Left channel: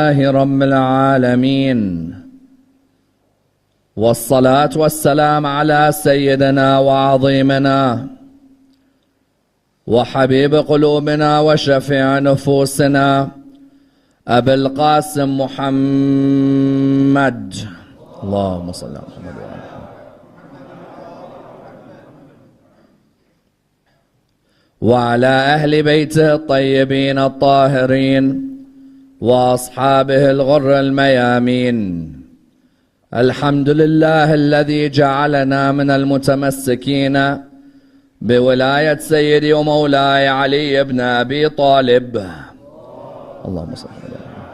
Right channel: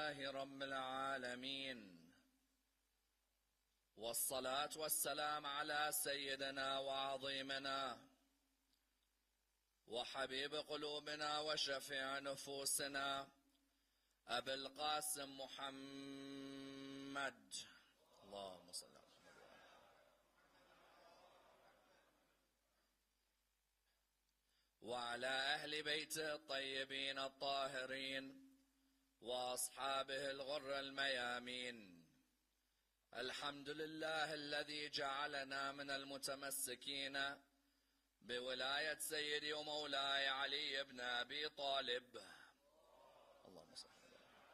لله رب العالمين والصلاة والسلام على سيدنا وعظيمنا وحبيب قلوبنا وشفيع نفوسنا أبي القاسم محمد اللهم صل على محمد وعلى محمد وعلى أهل بيته الطيبين الطاهرين وأصحابه الغر الميامين. الحمد لله الذي جعلنا من المتمسكين بولاية سيدي ومولاي علي بن أبي طالب. اللهم صل على محمد.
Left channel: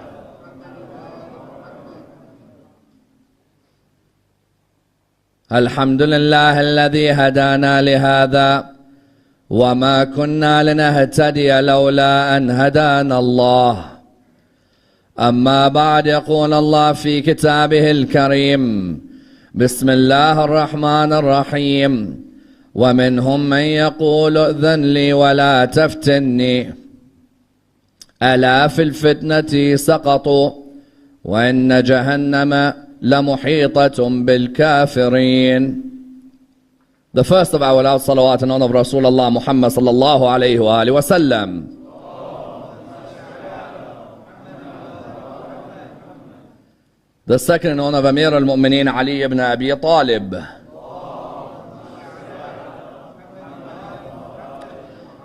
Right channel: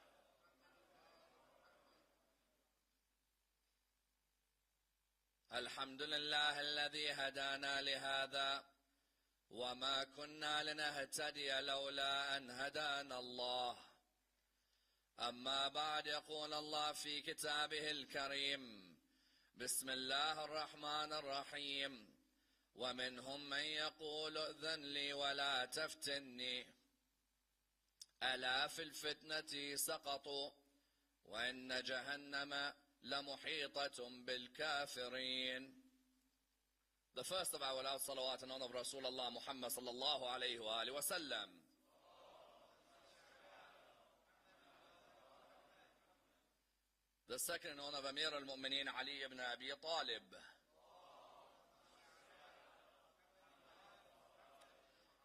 الحمد لله الذي هدانا لهذا وما كنا لنهتدي لولا أن هدانا الله. أما بعد، يقول الله في كتابه الكريم: بسم الله الرحمن الرحيم: ومنهم من يقول ائذن لي ولا تفتني ألا في الفتنة سقطوا وإن جهنم لمحيطة بالكافرين. The first of our loud salawat in honor of Rasulullah Muhammad sallallahu alayhi wa alihi wa sallam. The second in honor of Amir al-Mu'mineen Ali ibn Abi Talib.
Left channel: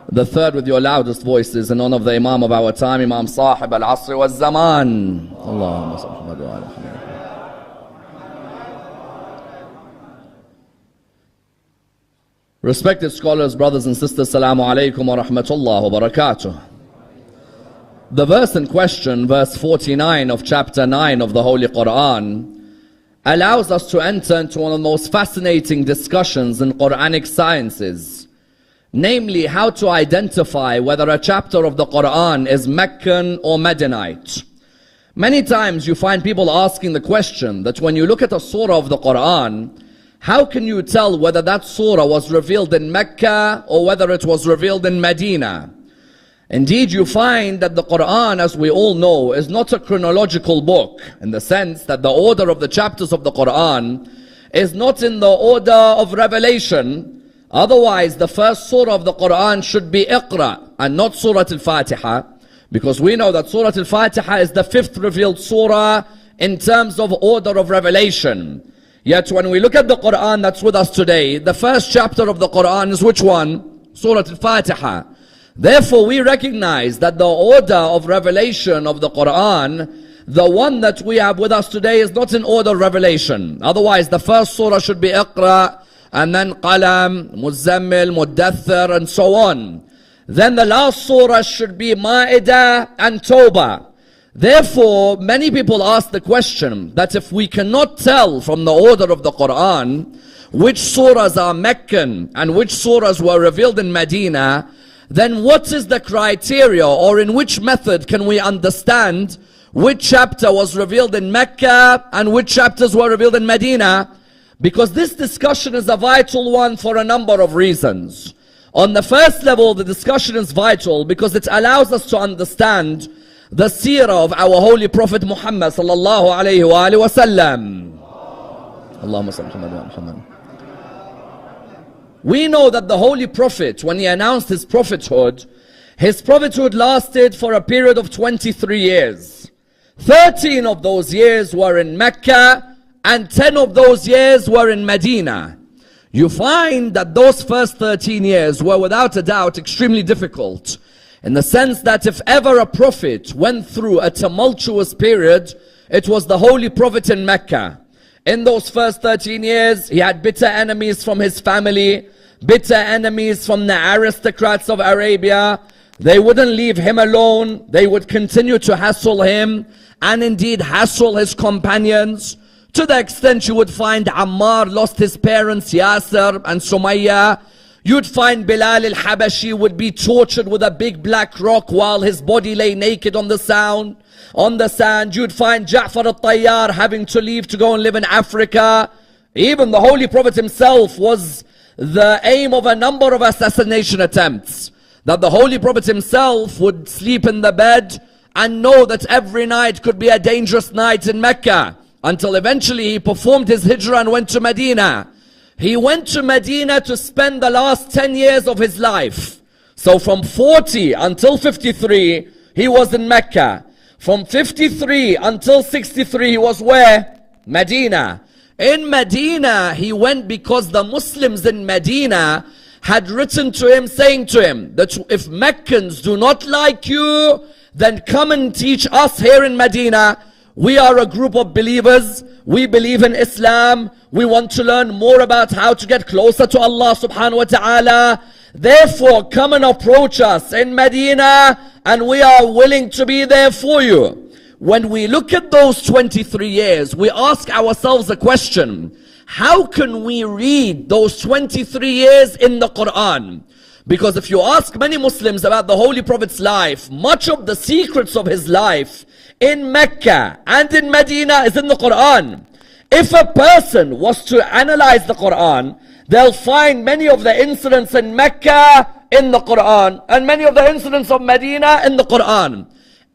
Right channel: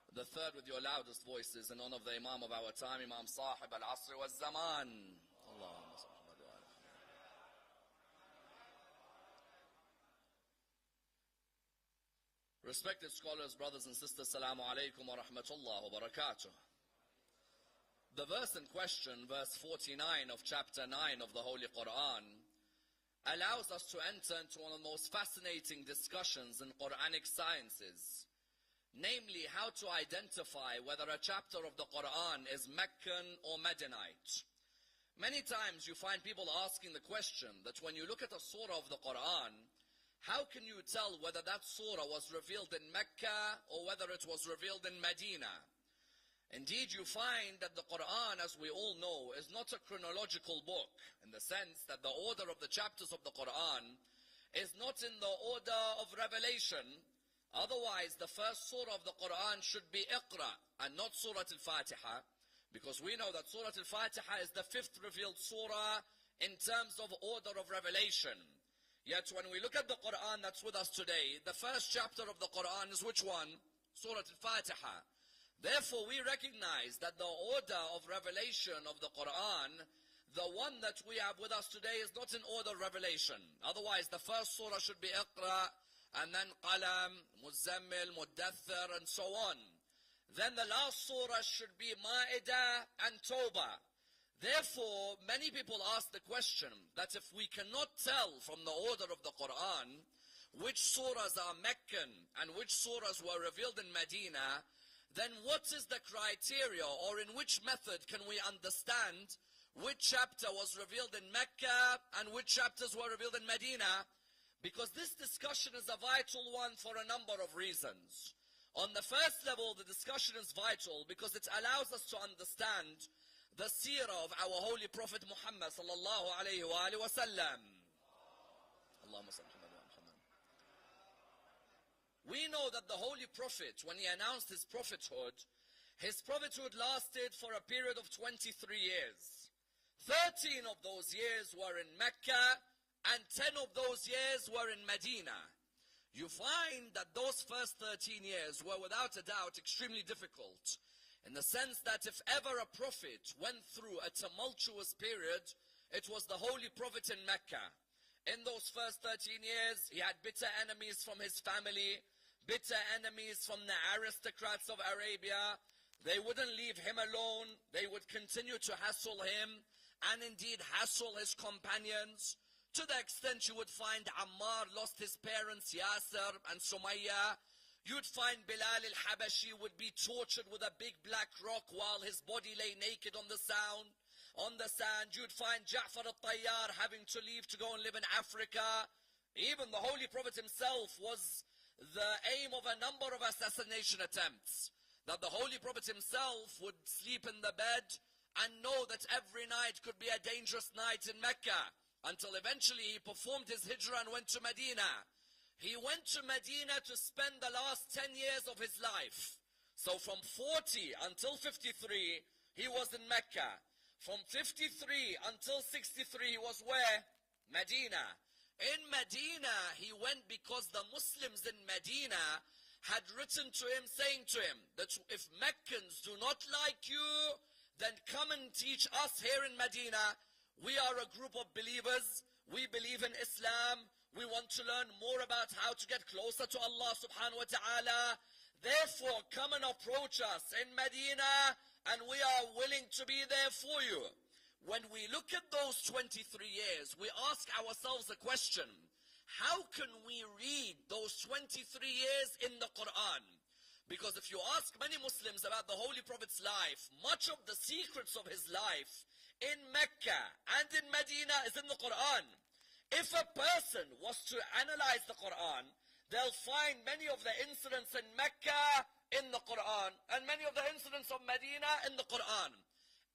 The third with your loudest voices in honor of the Imam of our time, Imam Sahib al-Asr wal-Zaman. Allahumma salli ala Muhammad wa ala Muhammad. Respected scholars, brothers and sisters, Assalamu alaikum wa rahmatullah wa barakatuh. The verse in question, verse 49 of chapter 9 of the Holy Qur'an, allows us to enter into one of the most fascinating discussions in Quranic sciences, namely how to identify whether a chapter of the Qur'an is Meccan or Medinite. Many times you find people asking the question that when you look at a surah of the Qur'an, how can you tell whether that surah was revealed in Mecca or whether it was revealed in Medina? Indeed, you find that the Qur'an, as we all know, is not a chronological book, in the sense that the order of the chapters of the Qur'an is not in the order of revelation. Otherwise, the first surah of the Qur'an should be Iqra and not Surah Al-Fatiha, because we know that Surah Al-Fatiha is the fifth revealed surah in terms of order of revelation. Yet when we look at the Qur'an that's with us today, the first chapter of the Qur'an is which one? Surah Al-Fatiha. Therefore, we recognize that the order of revelation of the Qur'an, the one that we have with us today, is not in order of revelation. Otherwise, the first surah should be Iqra, and then Qalam, Muzammil, Muddathir, and so on. Then the last surah should be Ma'idah and Tawbah. Therefore, many people ask the question that if we cannot tell from the order of the Qur'an which surahs are Meccan and which surahs were revealed in Medina, then what is the criteria, or in which method can we understand which chapter was revealed in Mecca and which chapters were revealed in Medina? Because this discussion is a vital one for a number of reasons. On the first level, the discussion is vital because it allows us to understand the seerah of our Holy Prophet Muhammad sallallahu alayhi wa alihi wa sallam. Allahumma salli ala Muhammad. We know that the Holy Prophet, when he announced his prophethood lasted for a period of 23 years. 13 of those years were in Mecca and 10 of those years were in Medina. You find that those first 13 years were without a doubt extremely difficult, in the sense that if ever a prophet went through a tumultuous period, it was the Holy Prophet in Mecca. In those first 13 years, he had bitter enemies from his family, bitter enemies from the aristocrats of Arabia. They wouldn't leave him alone. They would continue to hassle him, and indeed hassle his companions, to the extent you would find Ammar lost his parents, Yasir and Sumayya. You'd find Bilal al-Habashi would be tortured with a big black rock while his body lay naked on the sand. You'd find Ja'far al-Tayyar having to leave to go and live in Africa. Even the Holy Prophet himself was the aim of a number of assassination attempts. That the Holy Prophet himself would sleep in the bed and know that every night could be a dangerous night in Mecca, until eventually he performed his hijrah and went to Medina. He went to Medina to spend the last 10 years of his life. So from 40 until 53, he was in Mecca. From 53 until 63, he was where? Medina. In Medina, he went because the Muslims in Medina had written to him, saying to him that if Meccans do not like you, then come and teach us here in Medina. We are a group of believers. We believe in Islam. We want to learn more about how to get closer to Allah subhanahu wa ta'ala. Therefore, come and approach us in Medina, and we are willing to be there for you. When we look at those 23 years, we ask ourselves a question. How can we read those 23 years in the Qur'an? Because if you ask many Muslims about the Holy Prophet's life, much of the secrets of his life in Mecca and in Medina is in the Qur'an. If a person was to analyze the Qur'an, they'll find many of the incidents in Mecca in the Qur'an and many of the incidents of Medina in the Qur'an.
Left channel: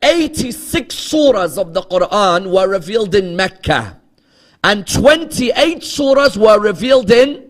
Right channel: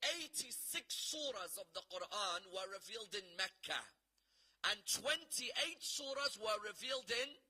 86 surahs of the Qur'an were revealed in Mecca, and 28 surahs were revealed in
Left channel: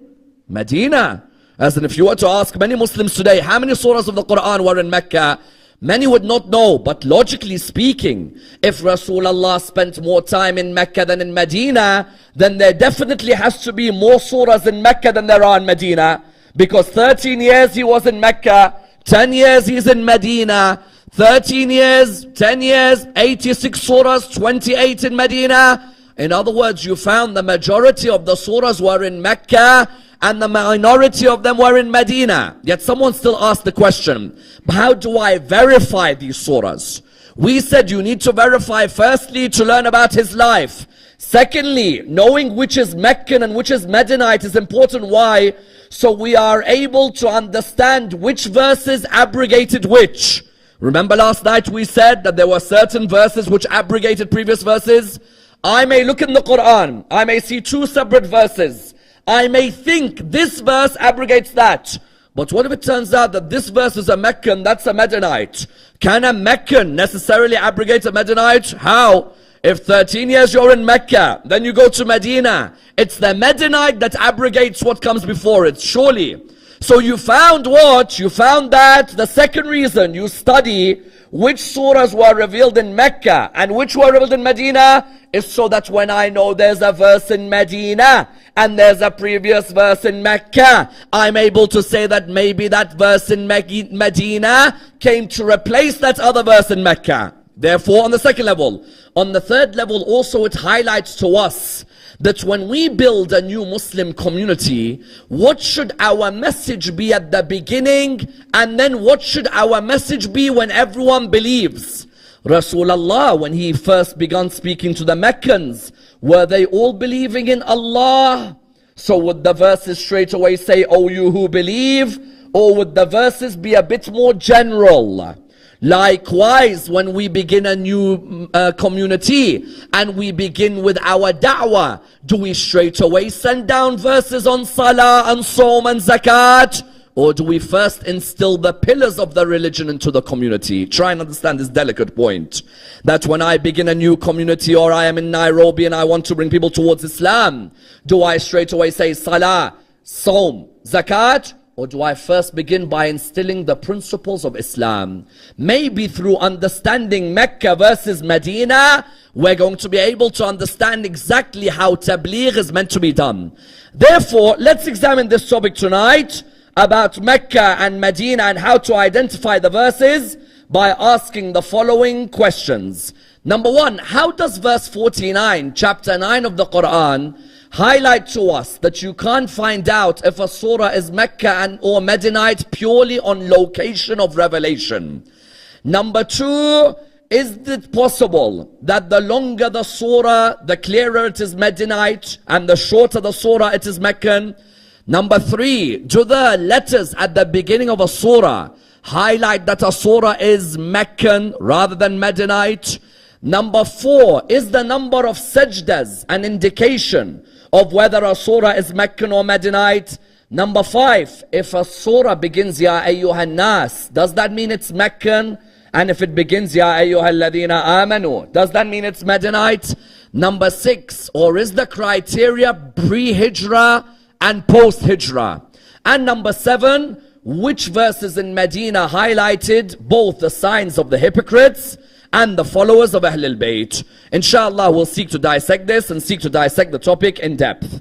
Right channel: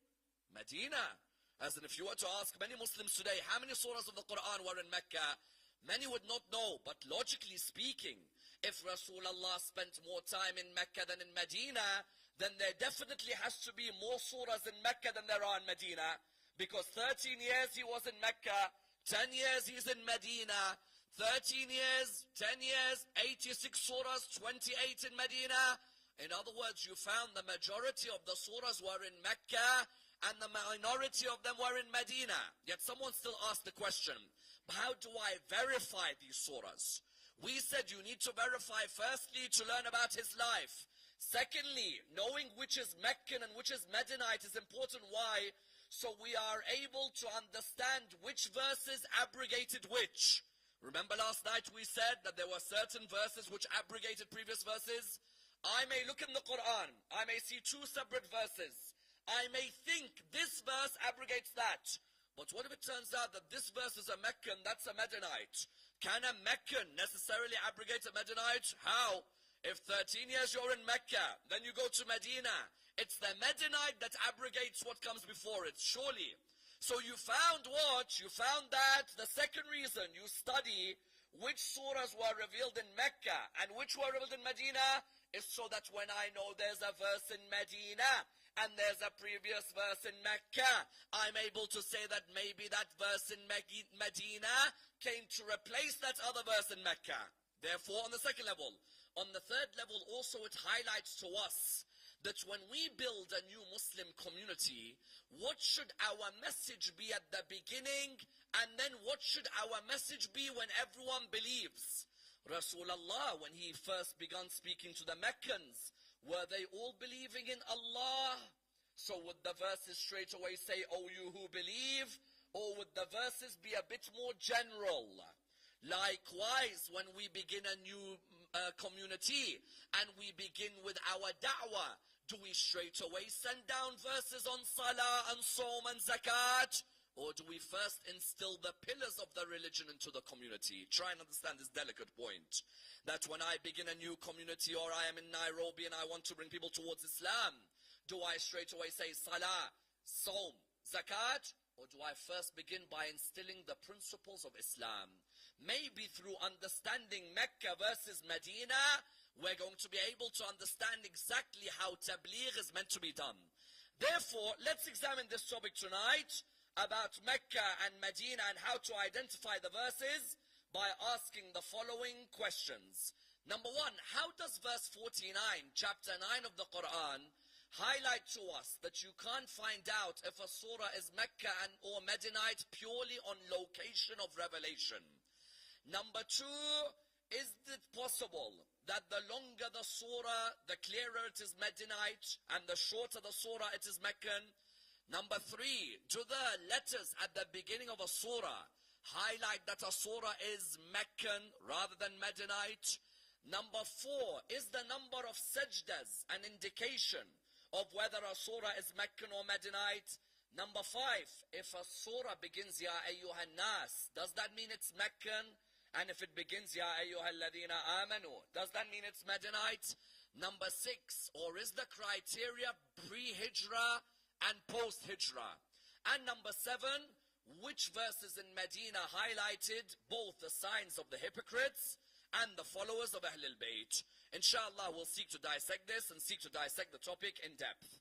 Medina. As in, if you were to ask many Muslims today, how many surahs of the Qur'an were in Mecca? Many would not know, but logically speaking, if Rasulullah spent more time in Mecca than in Medina, then there definitely has to be more surahs in Mecca than there are in Medina. Because 13 years he was in Mecca, 10 years he's in Medina, 13 years, 10 years, 86 surahs, 28 in Medina. In other words, you found the majority of the surahs were in Mecca and the minority of them were in Medina. Yet someone still asked the question, how do I verify these surahs? We said you need to verify firstly to learn about his life. Secondly, knowing which is Meccan and which is Medinite is important. Why? So we are able to understand which verses abrogated which. Remember last night we said that there were certain verses which abrogated previous verses. I may look in the Qur'an, I may see two separate verses. I may think this verse abrogates that. But what if it turns out that this verse is a Meccan, that's a Medinite? Can a Meccan necessarily abrogate a Medinite? How? If 13 years you're in Mecca, then you go to Medina, it's the Medinite that abrogates what comes before it, surely. So you found what? You found that the second reason you study which surahs were revealed in Mecca and which were revealed in Medina is so that when I know there's a verse in Medina and there's a previous verse in Mecca, I'm able to say that maybe that verse in Medina came to replace that other verse in Mecca. Therefore, on the second level. On the third level, also it highlights to us that when we build a new Muslim community, what should our message be at the beginning, and then what should our message be when everyone believes? Rasulullah, when he first began speaking to the Meccans, were they all believing in Allah? So would the verses straight away say, "Oh, you who believe," or would the verses be a bit more general? Likewise, when we begin a new community and we begin with our da'wah, do we straight away send down verses on salah and Sawm and zakat? Or do we first instill the pillars of the religion into the community? Try and understand this delicate point. That when I begin a new community, or I am in Nairobi and I want to bring people towards Islam, do I straight away say salah, Sawm, zakat? Or do I first begin by instilling the principles of Islam? Maybe through understanding Mecca versus Medina, we're going to be able to understand exactly how tabligh is meant to be done. Therefore, let's examine this topic tonight about Mecca and Medina and how to identify the verses by asking the following questions. Number one, how does verse 49, chapter 9 of the Qur'an, highlight to us that you can't find out if a surah is Mecca or Medinite purely on location of revelation? Number two, is it possible that the longer the surah, the clearer it is Medinite, and the shorter the surah, it is Meccan? Number three, do the letters at the beginning of a surah highlight that a surah is Meccan rather than Medinite? Number four, is the number of sajdas an indication of whether a surah is Meccan or Medinite? Number five, if a surah begins Ya Ayyuhan Nas, does that mean it's Meccan? And if it begins, Ya ayyuhalladhina amanu, does that mean it's Medinite? Number 6, or is the criteria pre-Hijrah and post-Hijrah? And number 7, which verses in Medina highlighted both the signs of the hypocrites and the followers of Ahlul Bayt? Inshallah, we'll seek to dissect this and seek to dissect the topic in depth.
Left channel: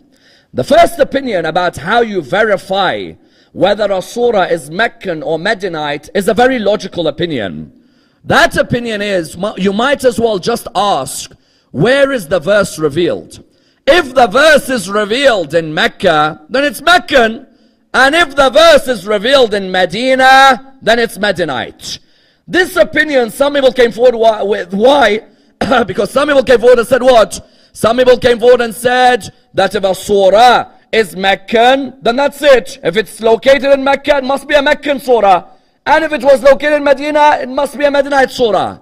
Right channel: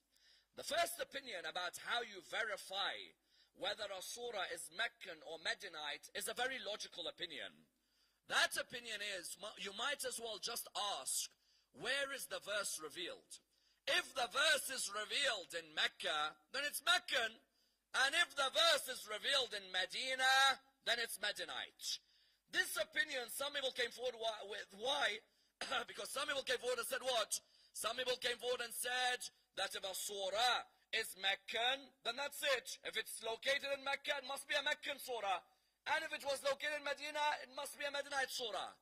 The first opinion about how you verify whether a surah is Meccan or Medinite is a very logical opinion. That opinion is, you might as well just ask, where is the verse revealed? If the verse is revealed in Mecca, then it's Meccan. And if the verse is revealed in Medina, then it's Medinite. This opinion, some people came forward with. Why? Because some people came forward and said what? Some people came forward and said that if a surah is Meccan, then that's it. If it's located in Mecca, it must be a Meccan surah. And if it was located in Medina, it must be a Medinite surah.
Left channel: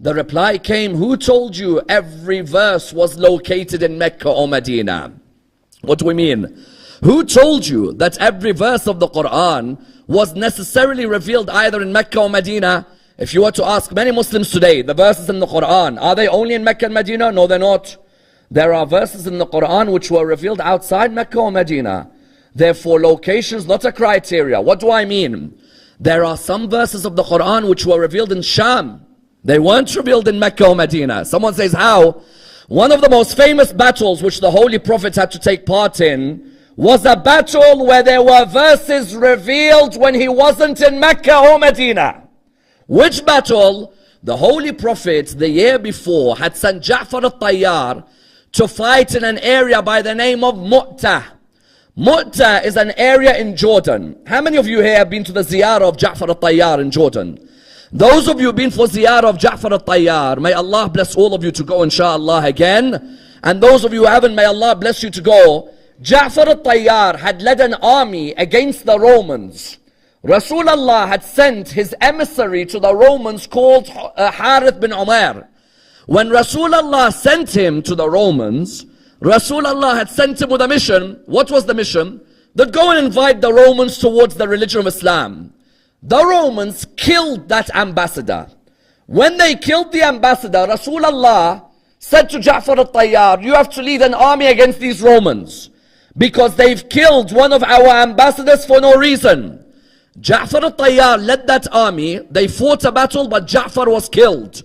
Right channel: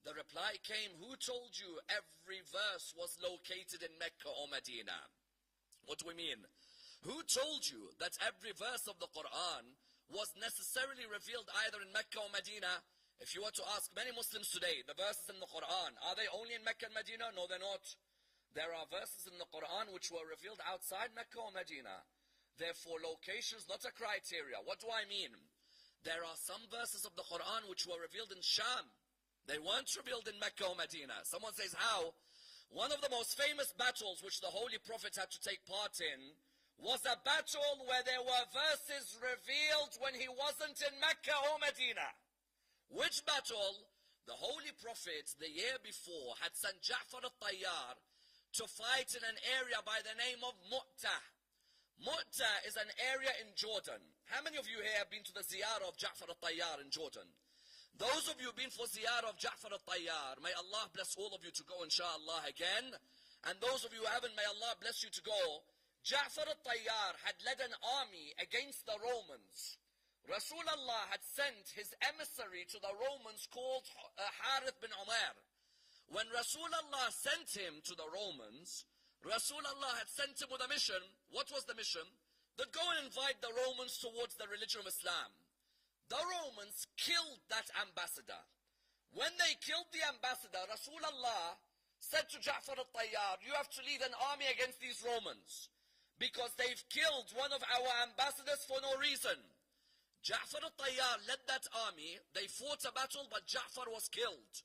The reply came, who told you every verse was located in Mecca or Medina? What do we mean? Who told you that every verse of the Qur'an was necessarily revealed either in Mecca or Medina? If you were to ask many Muslims today, the verses in the Qur'an, are they only in Mecca and Medina? No, they're not. There are verses in the Qur'an which were revealed outside Mecca or Medina. Therefore, location is not a criteria. What do I mean? There are some verses of the Qur'an which were revealed in Sham. They weren't revealed in Mecca or Medina. Someone says, how? One of the most famous battles which the Holy Prophet had to take part in was a battle where there were verses revealed when he wasn't in Mecca or Medina. Which battle? The Holy Prophet, the year before, had sent Ja'far al-Tayyar to fight in an area by the name of Mu'tah. Mu'tah is an area in Jordan. How many of you here have been to the ziyarah of Ja'far al-Tayyar in Jordan? Those of you who've been for ziyarah of Ja'far al-Tayyar, may Allah bless all of you to go inshallah again. And those of you who haven't, may Allah bless you to go. Ja'far al-Tayyar had led an army against the Romans. Rasulullah had sent his emissary to the Romans called Harith bin Umar. When Rasulullah sent him to the Romans, Rasulullah had sent him with a mission. What was the mission? That go and invite the Romans towards the religion of Islam. The Romans killed that ambassador. When they killed the ambassador, Rasulullah said to Ja'far al-Tayyar, you have to lead an army against these Romans because they've killed one of our ambassadors for no reason. Ja'far al-Tayyar led that army. They fought a battle, but Ja'far was killed.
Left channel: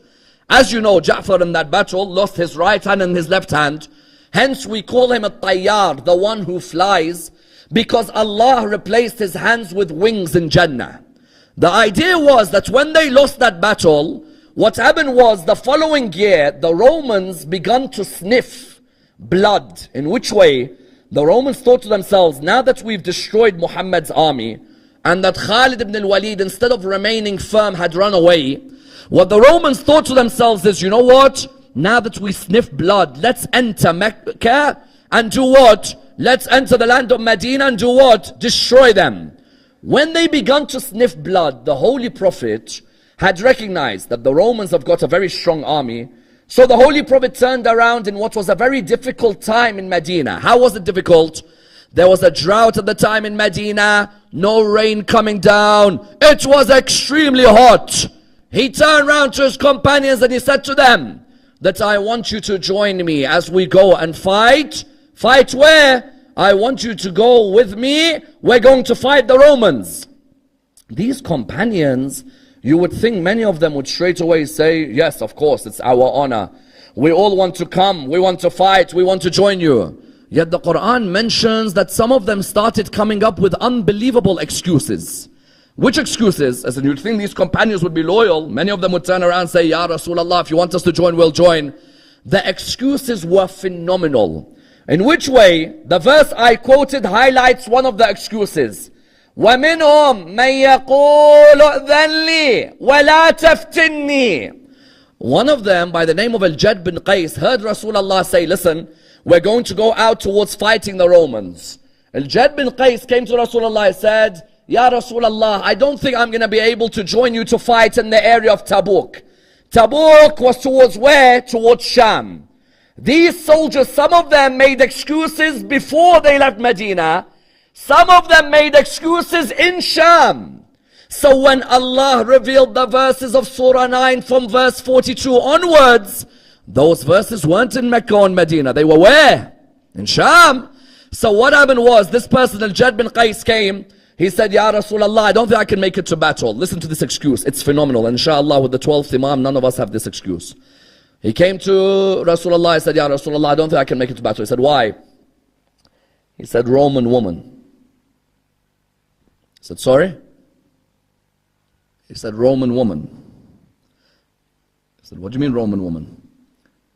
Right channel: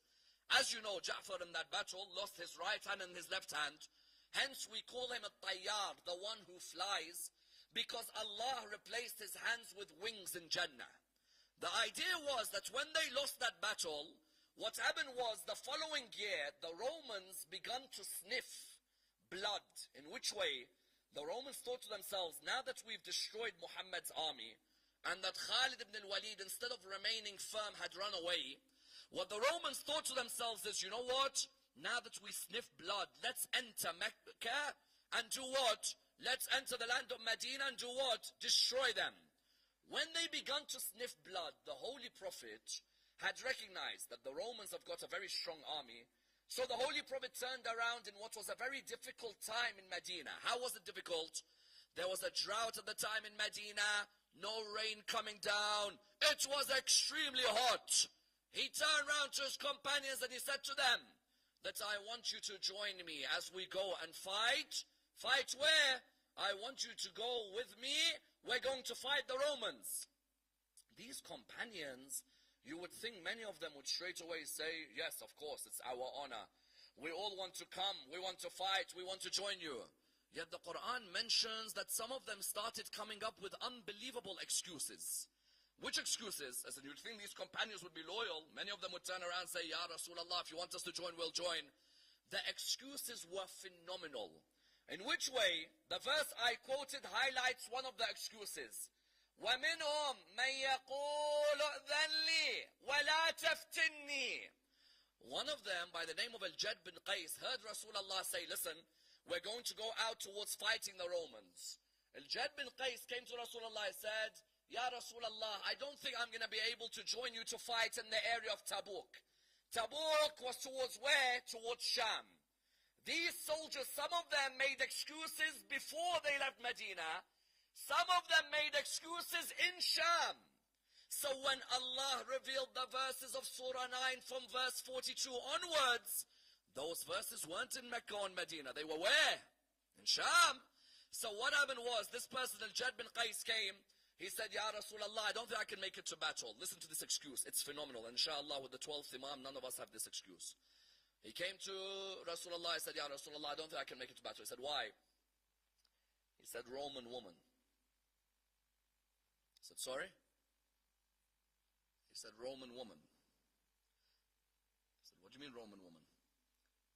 As you know, Ja'far in that battle lost his right hand and his left hand. Hence we call him a Tayyar, the one who flies, because Allah replaced his hands with wings in Jannah. The idea was that when they lost that battle, what happened was the following year, the Romans began to sniff blood. In which way? The Romans thought to themselves, now that we've destroyed Muhammad's army, and that Khalid ibn al-Walid, instead of remaining firm, had run away, what the Romans thought to themselves is, you know what? Now that we sniff blood, let's enter Mecca and do what? Let's enter the land of Medina and do what? Destroy them. When they began to sniff blood, the Holy Prophet had recognized that the Romans have got a very strong army. So the Holy Prophet turned around in what was a very difficult time in Medina. How was it difficult? There was a drought at the time in Medina, no rain coming down. It was extremely hot. He turned around to his companions and he said to them that I want you to join me as we go and fight. Fight where? I want you to go with me. We're going to fight the Romans. These companions, you would think many of them would straight away say, yes, of course, it's our honor. We all want to come. We want to fight. We want to join you. Yet the Qur'an mentions that some of them started coming up with unbelievable excuses. Which excuses? As in, you'd think these companions would be loyal. Many of them would turn around and say, Ya Rasulullah, if you want us to join, we'll join. The excuses were phenomenal. In which way? The verse I quoted highlights one of the excuses. وَمِنْهُمْ مَنْ يَقُولُ أَذَنْ لِي وَلَا تَفْتِنِّي. One of them, by the name of Al-Jad bin Qais, heard Rasulullah say, listen, we're going to go out towards fighting the Romans. Al-Jad bin Qais came to Rasulullah and said, Ya Rasulullah, I don't think I'm going to be able to join you to fight in the area of Tabuk. Tabuk was towards where? Towards Sham. These soldiers, some of them made excuses before they left Medina. Some of them made excuses in Sham. So when Allah revealed the verses of Surah 9 from verse 42 onwards, those verses weren't in Mecca and Medina. They were where? In Sham. So what happened was, this person, Al-Jad bin Qais, came. He said, Ya Rasulullah, I don't think I can make it to battle. Listen to this excuse. It's phenomenal. And inshallah, with the 12th Imam, none of us have this excuse. He came to Rasulullah. He said, Ya Rasulullah, I don't think I can make it to battle. He said, why? He said, Roman woman. He said, sorry? He said, Roman woman. He said, what do you mean Roman woman?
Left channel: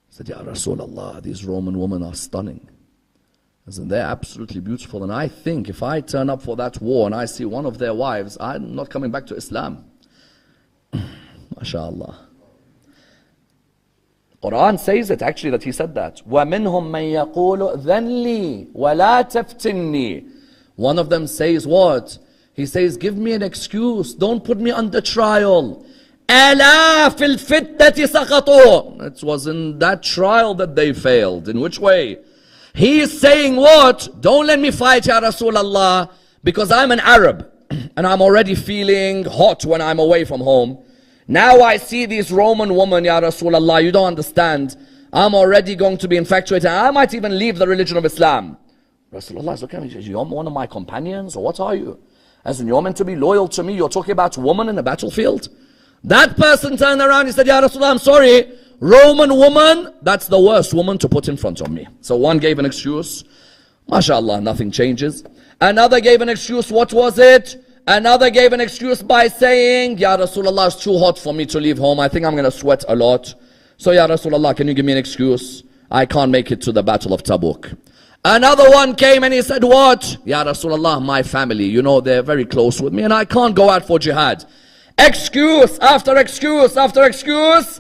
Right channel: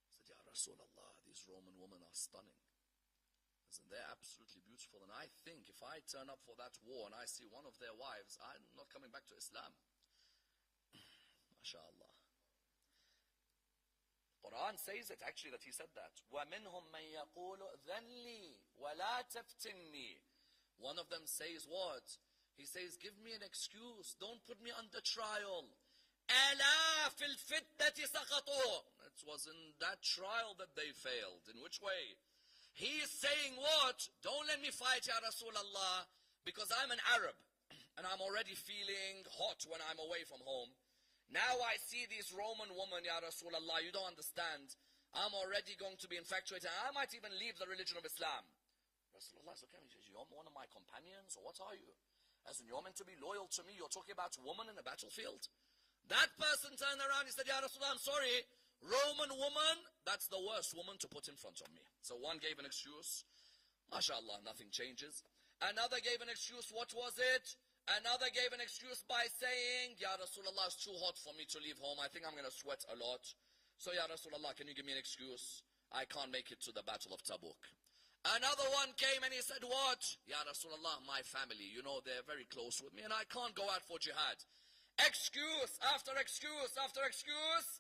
He said, Ya Rasulullah, these Roman women are stunning. I said, they're absolutely beautiful. And I think if I turn up for that war and I see one of their wives, I'm not coming back to Islam. MashaAllah. Qur'an says it actually, that he said that. وَمِنْهُمْ مَنْ يَقُولُ ذَنْ لِي وَلَا تَفْتِنِّي. One of them says what? He says, give me an excuse. Don't put me under trial. أَلَا فِي الْفِتْنَةِ سَقَطُوا. It was in that trial that they failed. In which way? He is saying what? Don't let me fight, Ya Rasulullah, because I'm an Arab and I'm already feeling hot when I'm away from home. Now I see these Roman women, Ya Rasulullah, you don't understand. I'm already going to be infatuated. I might even leave the religion of Islam. Rasulullah is looking at me, he says, you're one of my companions, or what are you? As in, you're meant to be loyal to me, you're talking about women in a battlefield? That person turned around, he said, Ya Rasulullah, I'm sorry. Roman woman, that's the worst woman to put in front of me. So one gave an excuse. MashaAllah, nothing changes. Another gave an excuse. What was it? Another gave an excuse by saying, Ya Rasulullah, it's too hot for me to leave home. I think I'm going to sweat a lot. So Ya Rasulullah, can you give me an excuse? I can't make it to the Battle of Tabuk. Another one came and he said, what? Ya Rasulullah, my family, you know, they're very close with me and I can't go out for jihad. Excuse after excuse after excuse.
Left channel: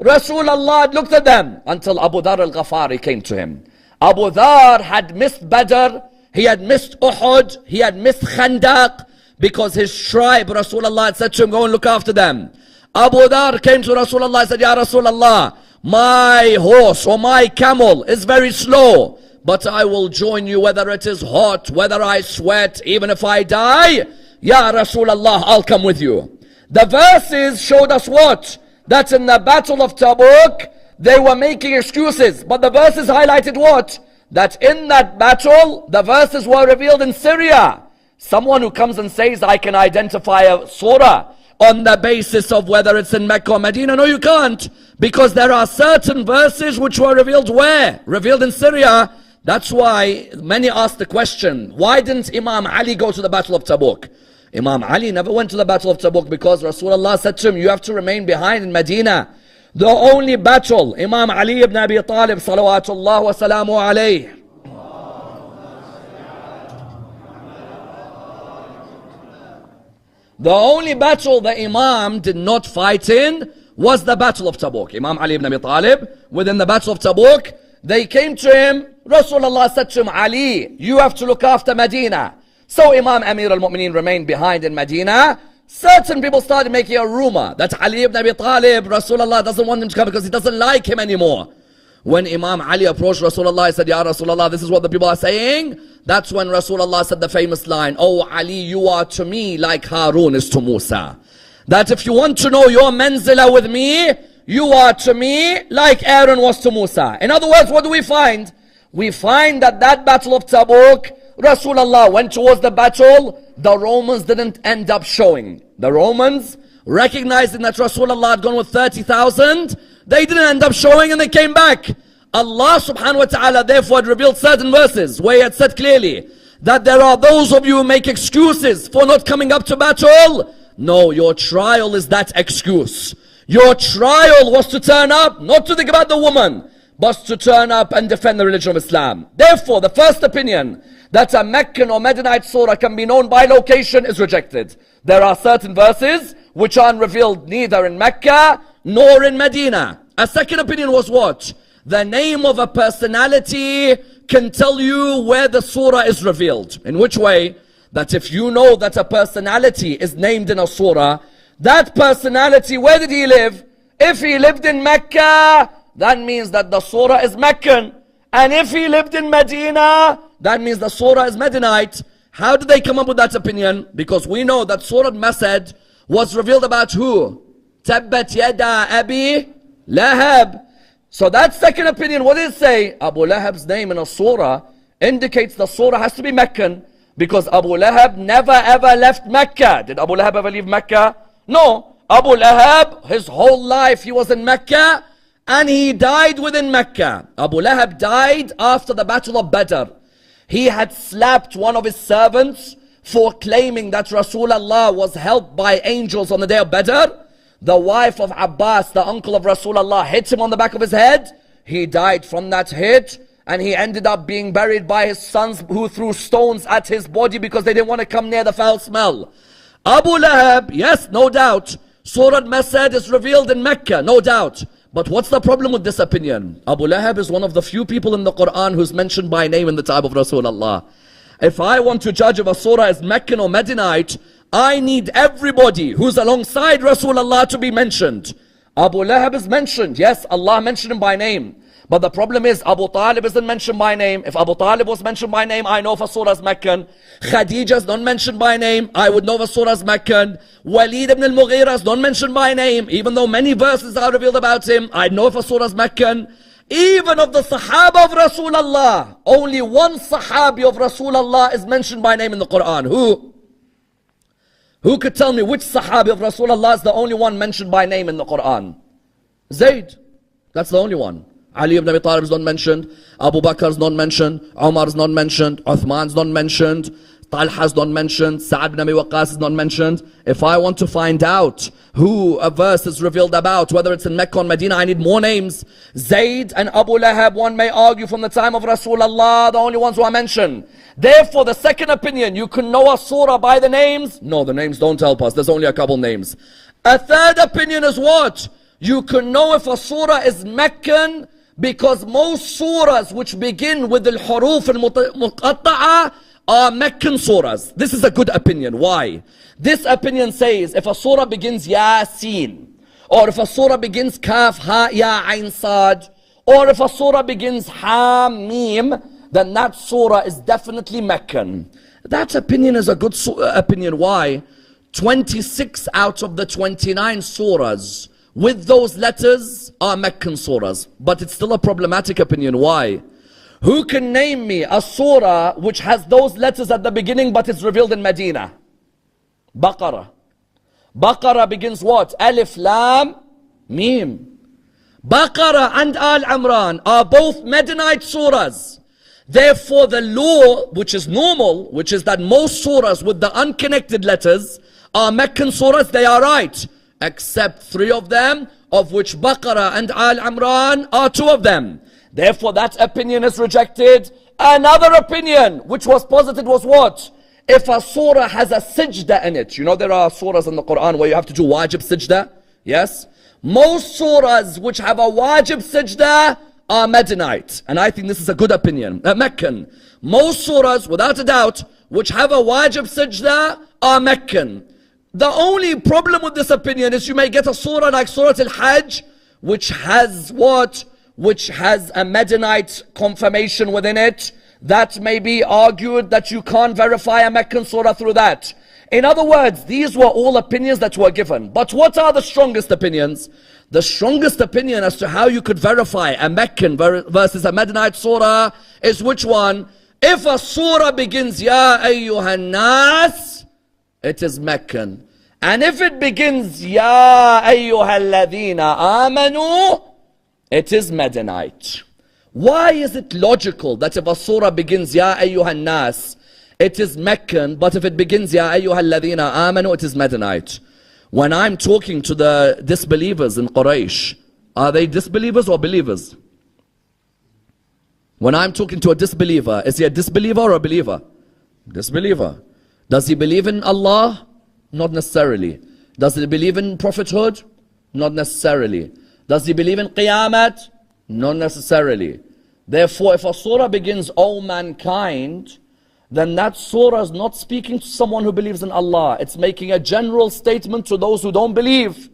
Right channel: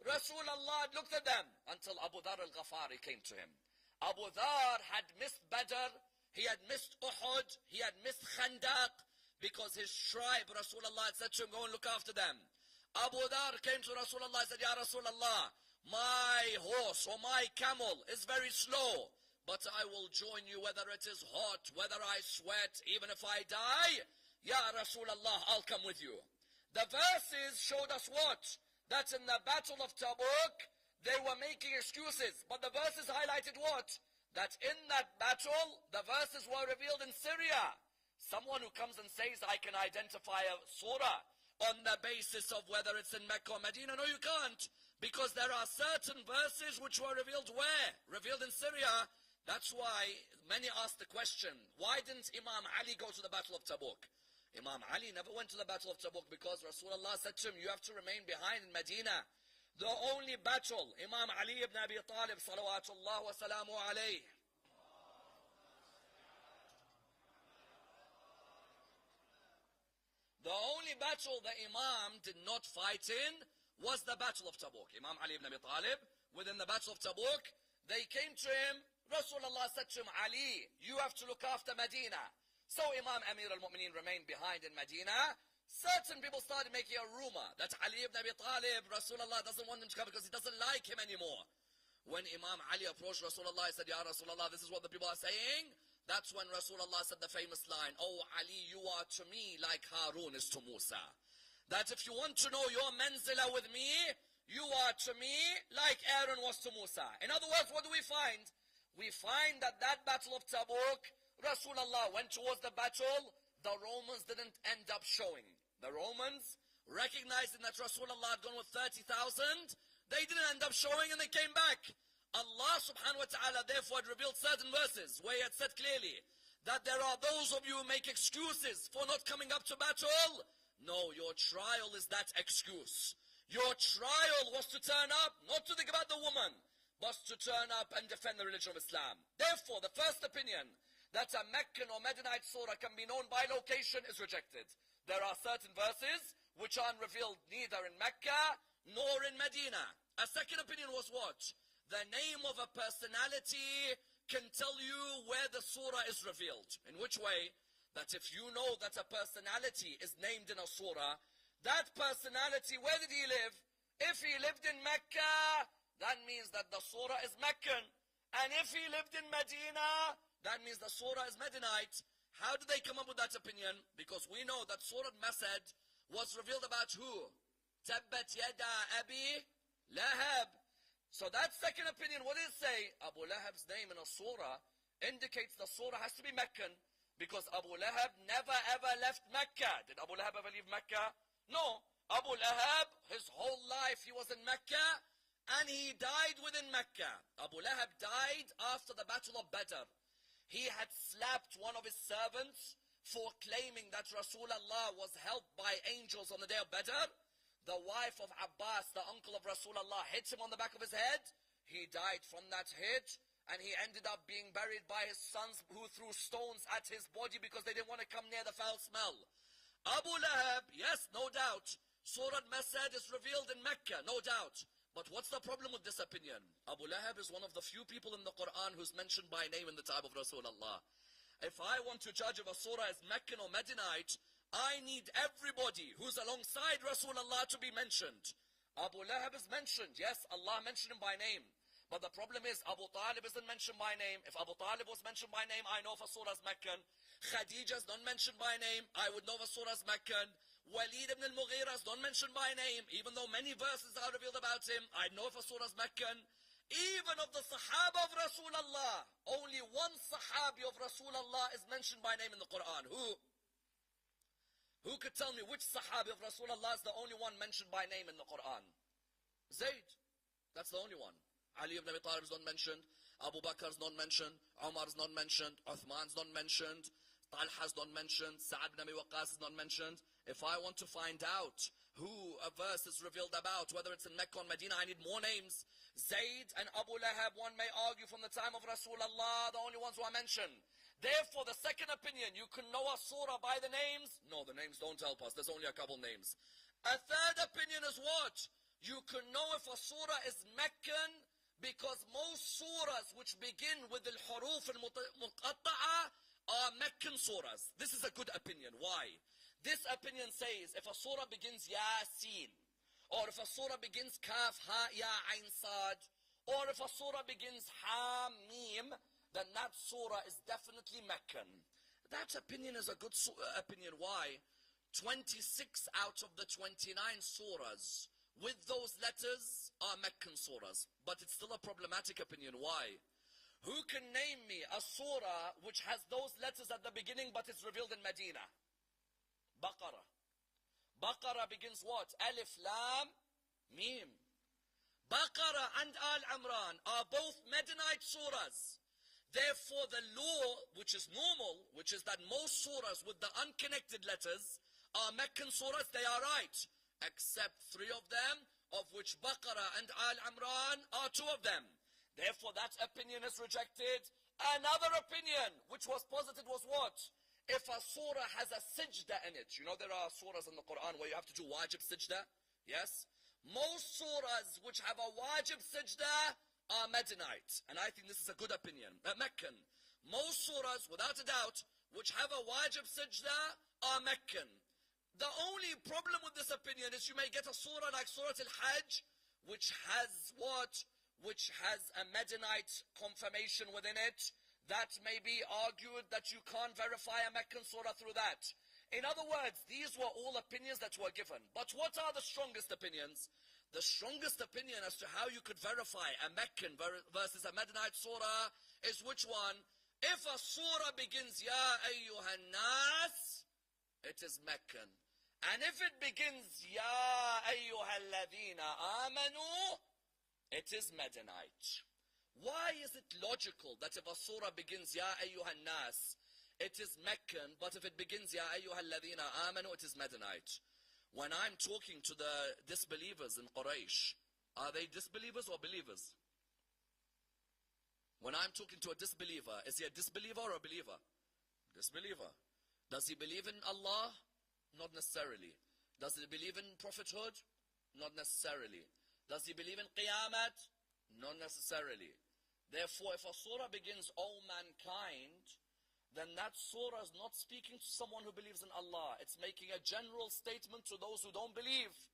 Rasulullah looked at them until Abu Dhar al-Ghafari came to him. Abu Dhar had missed Badr, he had missed Uhud, he had missed Khandaq, because his tribe, Rasulullah had said to him, go and look after them. Abu Dhar came to Rasulullah and said, Ya Rasulullah, my horse or my camel is very slow, but I will join you whether it is hot, whether I sweat, even if I die. Ya Rasulullah, I'll come with you. The verses showed us what? That in the Battle of Tabuk, they were making excuses. But the verses highlighted what? That in that battle, the verses were revealed in Syria. Someone who comes and says, I can identify a surah on the basis of whether it's in Mecca or Medina. No, you can't. Because there are certain verses which were revealed where? Revealed in Syria. That's why many ask the question, why didn't Imam Ali go to the Battle of Tabuk? Imam Ali never went to the Battle of Tabuk because Rasulullah said to him, you have to remain behind in Medina. The only battle, Imam Ali ibn Abi Talib, salawatullah wa salamu alayhi. The only battle the Imam did not fight in was the Battle of Tabuk. Imam Ali ibn Abi Talib, within the Battle of Tabuk, they came to him. Rasulullah said to him, Ali, you have to look after Medina. So Imam Amir al-Mu'mineen remained behind in Medina. Certain people started making a rumor that Ali ibn Abi Talib, Rasulullah doesn't want him to come because he doesn't like him anymore. When Imam Ali approached Rasulullah, he said, Ya Rasulullah, this is what the people are saying. That's when Rasulullah said the famous line, Oh Ali, you are to me like Harun is to Musa. That if you want to know your manzila with me, you are to me like Aaron was to Musa. In other words, what do we find? We find that Battle of Tabuk, Rasulullah went towards the battle, the Romans didn't end up showing. The Romans, recognizing that Rasulullah had gone with 30,000, they didn't end up showing and they came back. Allah subhanahu wa ta'ala therefore had revealed certain verses where he had said clearly that there are those of you who make excuses for not coming up to battle. No, your trial is that excuse. Your trial was to turn up, not to think about the woman, but to turn up and defend the religion of Islam. Therefore, the first opinion that a Meccan or Medinite surah can be known by location is rejected. There are certain verses which aren't revealed neither in Mecca nor in Medina. A second opinion was what? The name of a personality can tell you where the surah is revealed. In which way? That if you know that a personality is named in a surah, that personality, where did he live? If he lived in Mecca, that means that the surah is Meccan. And if he lived in Medina, that means the surah is Medinite. How did they come up with that opinion? Because we know that Surah Masad was revealed about who? Tabbat yada Abi Lahab. So that second opinion, what does it say? Abu Lahab's name in a surah indicates the surah has to be Meccan, because Abu Lahab never ever left Mecca. Did Abu Lahab ever leave Mecca? No. Abu Lahab, his whole life he was in Mecca, and he died within Mecca. Abu Lahab died after the battle of Badr. He had slapped one of his servants for claiming that Rasulullah was helped by angels on the day of Badr. The wife of Abbas, the uncle of Rasulullah, hit him on the back of his head. He died from that hit, and he ended up being buried by his sons, who threw stones at his body because they didn't want to come near the foul smell. Abu Lahab, yes, no doubt, Surah Masad is revealed in Mecca, no doubt. But what's the problem with this opinion? Abu Lahab is one of the few people in the Qur'an who's mentioned by name in the time of Rasulullah. If I want to judge if a surah is Meccan or Medinite, I need everybody who's alongside Rasulullah to be mentioned. Abu Lahab is mentioned. Yes, Allah mentioned him by name. But the problem is, Abu Talib isn't mentioned by name. If Abu Talib was mentioned by name, I know if a surah is Meccan. Khadija is not mentioned by name, I would know if a surah is Meccan. Walid ibn al-Mughira is not mentioned by name, even though many verses are revealed about him, I know if a surah is Meccan. Even of the Sahaba of Rasulullah, only one Sahabi of Rasulullah is mentioned by name in the Quran. Who? Who could tell me which Sahabi of Rasulullah is the only one mentioned by name in the Quran? Zayd. That's the only one. Ali ibn Abi Talib is not mentioned. Abu Bakr is not mentioned. Umar is not mentioned. Uthman is not mentioned. Talha is not mentioned. Sa'ad ibn Abi Waqqas is not mentioned. If I want to find out who a verse is revealed about, whether it's in Mecca or Medina, I need more names. Zayd and Abu Lahab, one may argue from the time of Rasulullah, the only ones who are mentioned. Therefore, the second opinion, you can know a surah by the names. No, the names don't help us. There's only a couple names. A third opinion is what? You can know if a surah is Meccan, because most surahs which begin with al-huruf al-muqatta'a are Meccan surahs. This is a good opinion. Why? This opinion says if a surah begins Yasin, or if a surah begins Kaf, Ha, Ya, Ain, Sad, or if a surah begins Ha-Mim, then that surah is definitely Meccan. That opinion is a good opinion. Why? 26 out of the 29 surahs with those letters are Meccan surahs. But it's still a problematic opinion. Why? Who can name me a surah which has those letters at the beginning but it's revealed in Medina? Baqarah. Baqarah begins what? Alif, Lam, Mim. Baqarah and Al-Imran are both Medinite surahs. Therefore the law, which is normal, which is that most surahs with the unconnected letters are Meccan surahs, they are right. Except 3 of them, of which Baqarah and Al-Imran are 2 of them. Therefore that opinion is rejected. Another opinion which was posited was what? If a surah has a sajda in it. You know there are surahs in the Quran where you have to do wajib sajda. Yes? Most surahs which have a wajib sajda are Medinite. And I think this is a good opinion. Meccan. Most surahs, without a doubt, which have a wajib sajda are Meccan. The only problem with this opinion is you may get a surah like Surah Al-Hajj, which has what? Which has a Medinite confirmation within it. That may be argued that you can't verify a Meccan surah through that. In other words, these were all opinions that were given. But what are the strongest opinions? The strongest opinion as to how you could verify a Meccan versus a Medinite surah is which one? If a surah begins Ya Ayyuhan Nas, it is Meccan. And if it begins Ya Ayyuhalladhina Amanu, it is Medinite. Why is it logical that if a surah begins Ya Ayyuhan Nas, it is Meccan, but if it begins Ya Ayyuhalladhina Amanu, it is Medinite? When I'm talking to the disbelievers in Quraysh, are they disbelievers or believers? When I'm talking to a disbeliever, is he a disbeliever or a believer? Disbeliever. Does he believe in Allah? Not necessarily. Does he believe in prophethood? Not necessarily. Does he believe in Qiyamah? Not necessarily. Therefore, if a surah begins, O mankind, then that surah is not speaking to someone who believes in Allah. It's making a general statement to those who don't believe.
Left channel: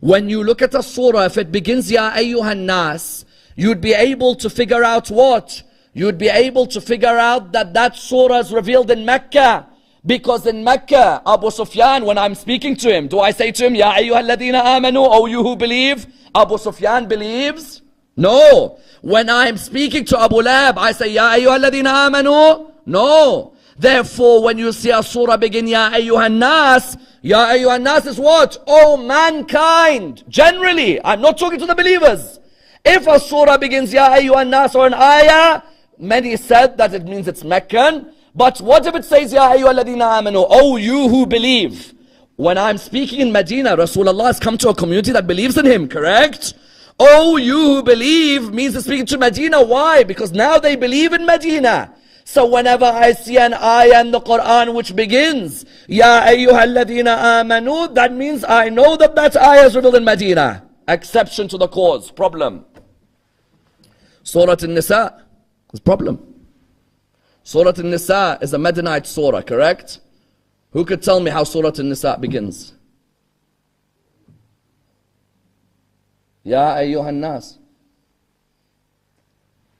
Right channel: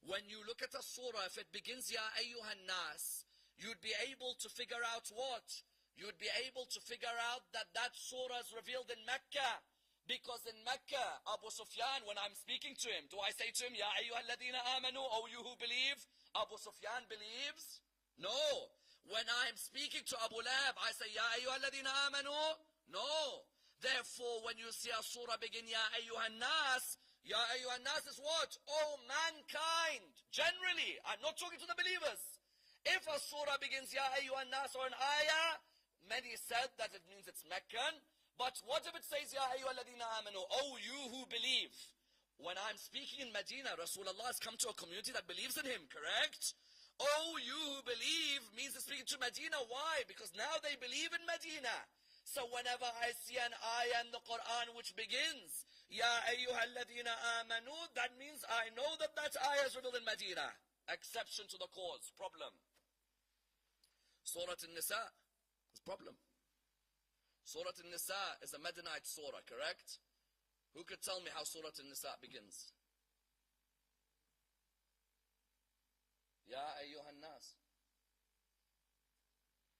When you look at a surah, if it begins Ya Ayyuhan Nas, you'd be able to figure out what? You'd be able to figure out that that surah is revealed in Mecca. Because in Mecca, Abu Sufyan, when I'm speaking to him, do I say to him, Ya ayyuhalladhina amanu, O you who believe? Abu Sufyan believes? No. When I'm speaking to Abu Lahab, I say, Ya ayyuhalladhina amanu? No. Therefore, when you see a surah begin, Ya ayyuhan nas is what? Oh mankind. Generally, I'm not talking to the believers. If a surah begins, Ya ayyuhan nas, or an ayah, many said that it means it's Meccan. But what if it says, Ya ayyuhalladhina amanu, oh you who believe? When I'm speaking in Medina, Rasulullah has come to a community that believes in him, correct? Oh you who believe means he's speaking to Medina. Why? Because now they believe in Medina. So whenever I see an ayah in the Qur'an which begins, Ya ayyuhalladhina amanu, that means I know that that ayah is revealed in Medina. Exception to the cause. Problem. Surah An-Nisa is problem. Surah An-Nisa is a Medinite surah, correct? Who could tell me how Surah An-Nisa begins? Ya ayyuhan nas.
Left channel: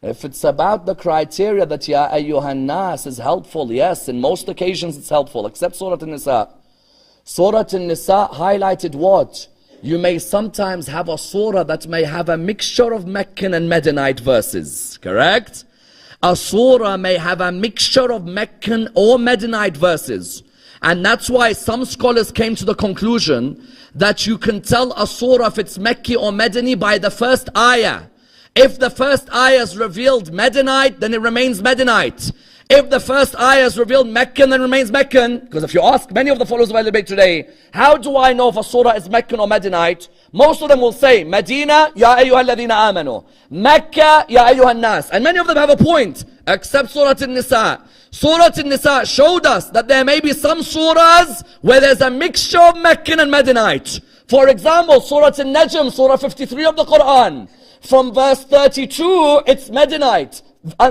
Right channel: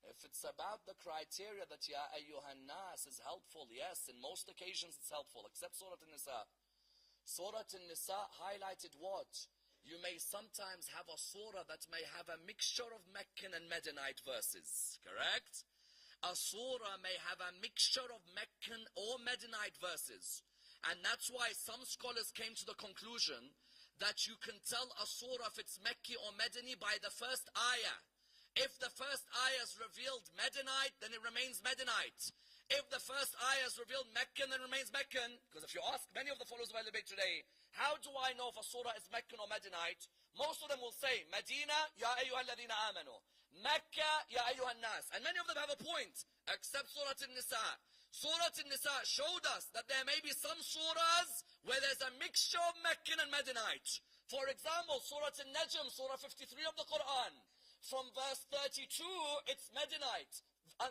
If it's about the criteria that Ya ayyuhan nas is helpful, yes, in most occasions it's helpful, except Surah An-Nisa. Surah An-Nisa highlighted what? You may sometimes have a surah that may have a mixture of Meccan and Medinite verses, correct? A surah may have a mixture of Meccan or Medinite verses. And that's why some scholars came to the conclusion that you can tell a surah if it's Mecca or Medini by the first ayah. If the first ayah is revealed Medinite, then it remains Medinite. If the first ayah is revealed Meccan, then it remains Meccan. Because if you ask many of the followers of Ahlul Bayt today, how do I know if a surah is Meccan or Medinite? Most of them will say, Medina, Ya ayyuhalladhina amanu. Mecca, Ya ayyuhan nas. And many of them have a point, except Surah An-Nisa. Surah An-Nisa showed us that there may be some surahs where there's a mixture of Meccan and Medinite. For example, Surah An-Najm, Surah 53 of the Qur'an. From verse 32, it's Medinite.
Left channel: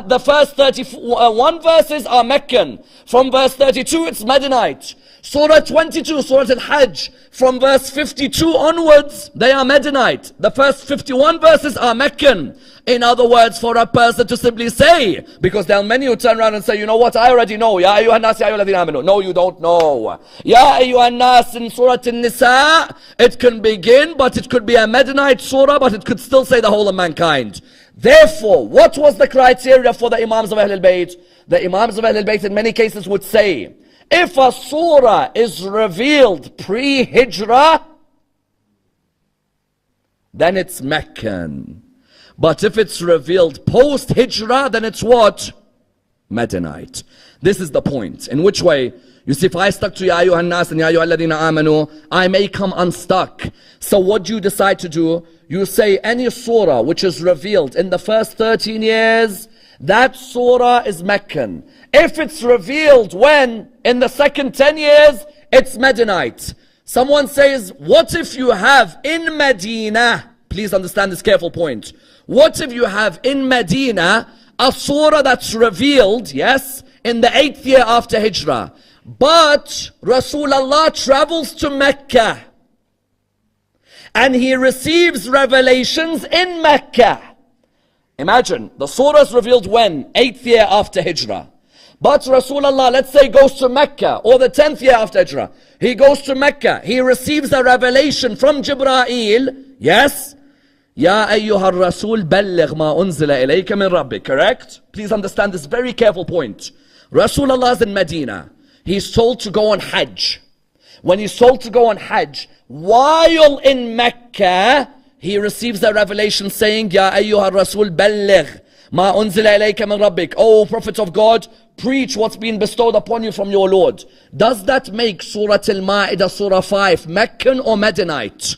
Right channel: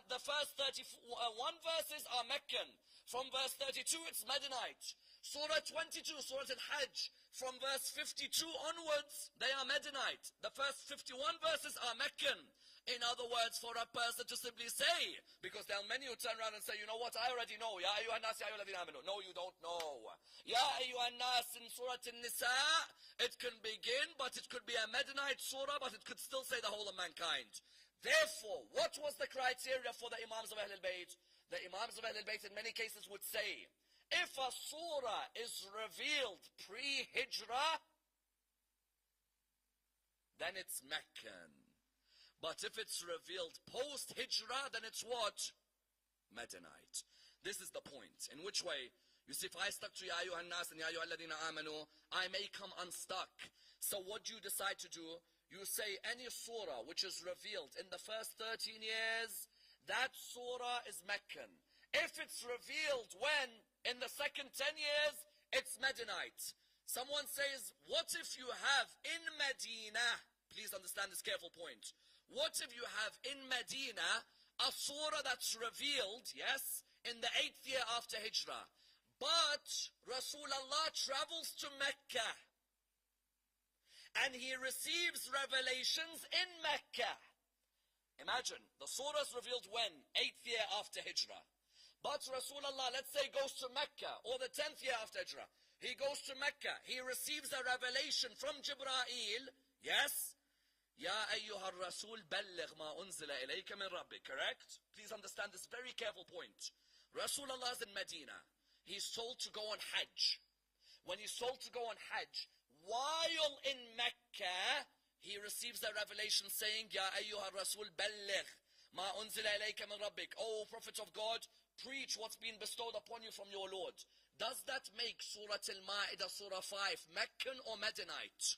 The first 31 verses are Meccan. From verse 32, it's Medinite. Surah 22, Surah Al-Hajj, from verse 52 onwards, they are Medinite. The first 51 verses are Meccan. In other words, for a person to simply say, because there are many who turn around and say, you know what, I already know. Ya ayyuhan nas, ya ayyuhalladhina amanu. No, you don't know. Ya ayyuhan nas in Surah An-Nisa, it can begin, but it could be a Medinite surah, but it could still say the whole of mankind. Therefore, what was the criteria for the Imams of Ahlul Bayt? The Imams of Ahlul Bayt in many cases would say, if a surah is revealed pre-Hijrah, then it's Meccan. But if it's revealed post-Hijrah, then it's what? Medinite. This is the point. In which way? You see, if I stuck to Ya ayyuhan nas and Ya ayyuhalladhina amanu, I may come unstuck. So what do you decide to do? You say any surah which is revealed in the first 13 years, that surah is Meccan. If it's revealed when? In the second 10 years, it's Medinite. Someone says, what if you have in Medina, please understand this careful point. What if you have in Medina a surah that's revealed, yes, in the 8th year after Hijrah, but Rasulullah travels to Mecca and he receives revelations in Mecca. Imagine, the surah is revealed when? 8th year after Hijrah. But Rasulullah, let's say, goes to Mecca, or the 10th year after Hijrah. He goes to Mecca. He receives a revelation from Jibreel. Yes? Ya ayyuhar rasul balligh ma unzila ilayka min rabbik. Correct? Please understand this very careful point. Rasulullah is in Medina. He's told to go on Hajj. When he's told to go on Hajj, while in Mecca, he receives a revelation saying, Ya ayyuhar rasul balligh ma unzila ilayka min rabbik. O Prophet of God, preach what's been bestowed upon you from your Lord. Does that make Surah Al-Ma'idah, Surah 5, Meccan or Medinite?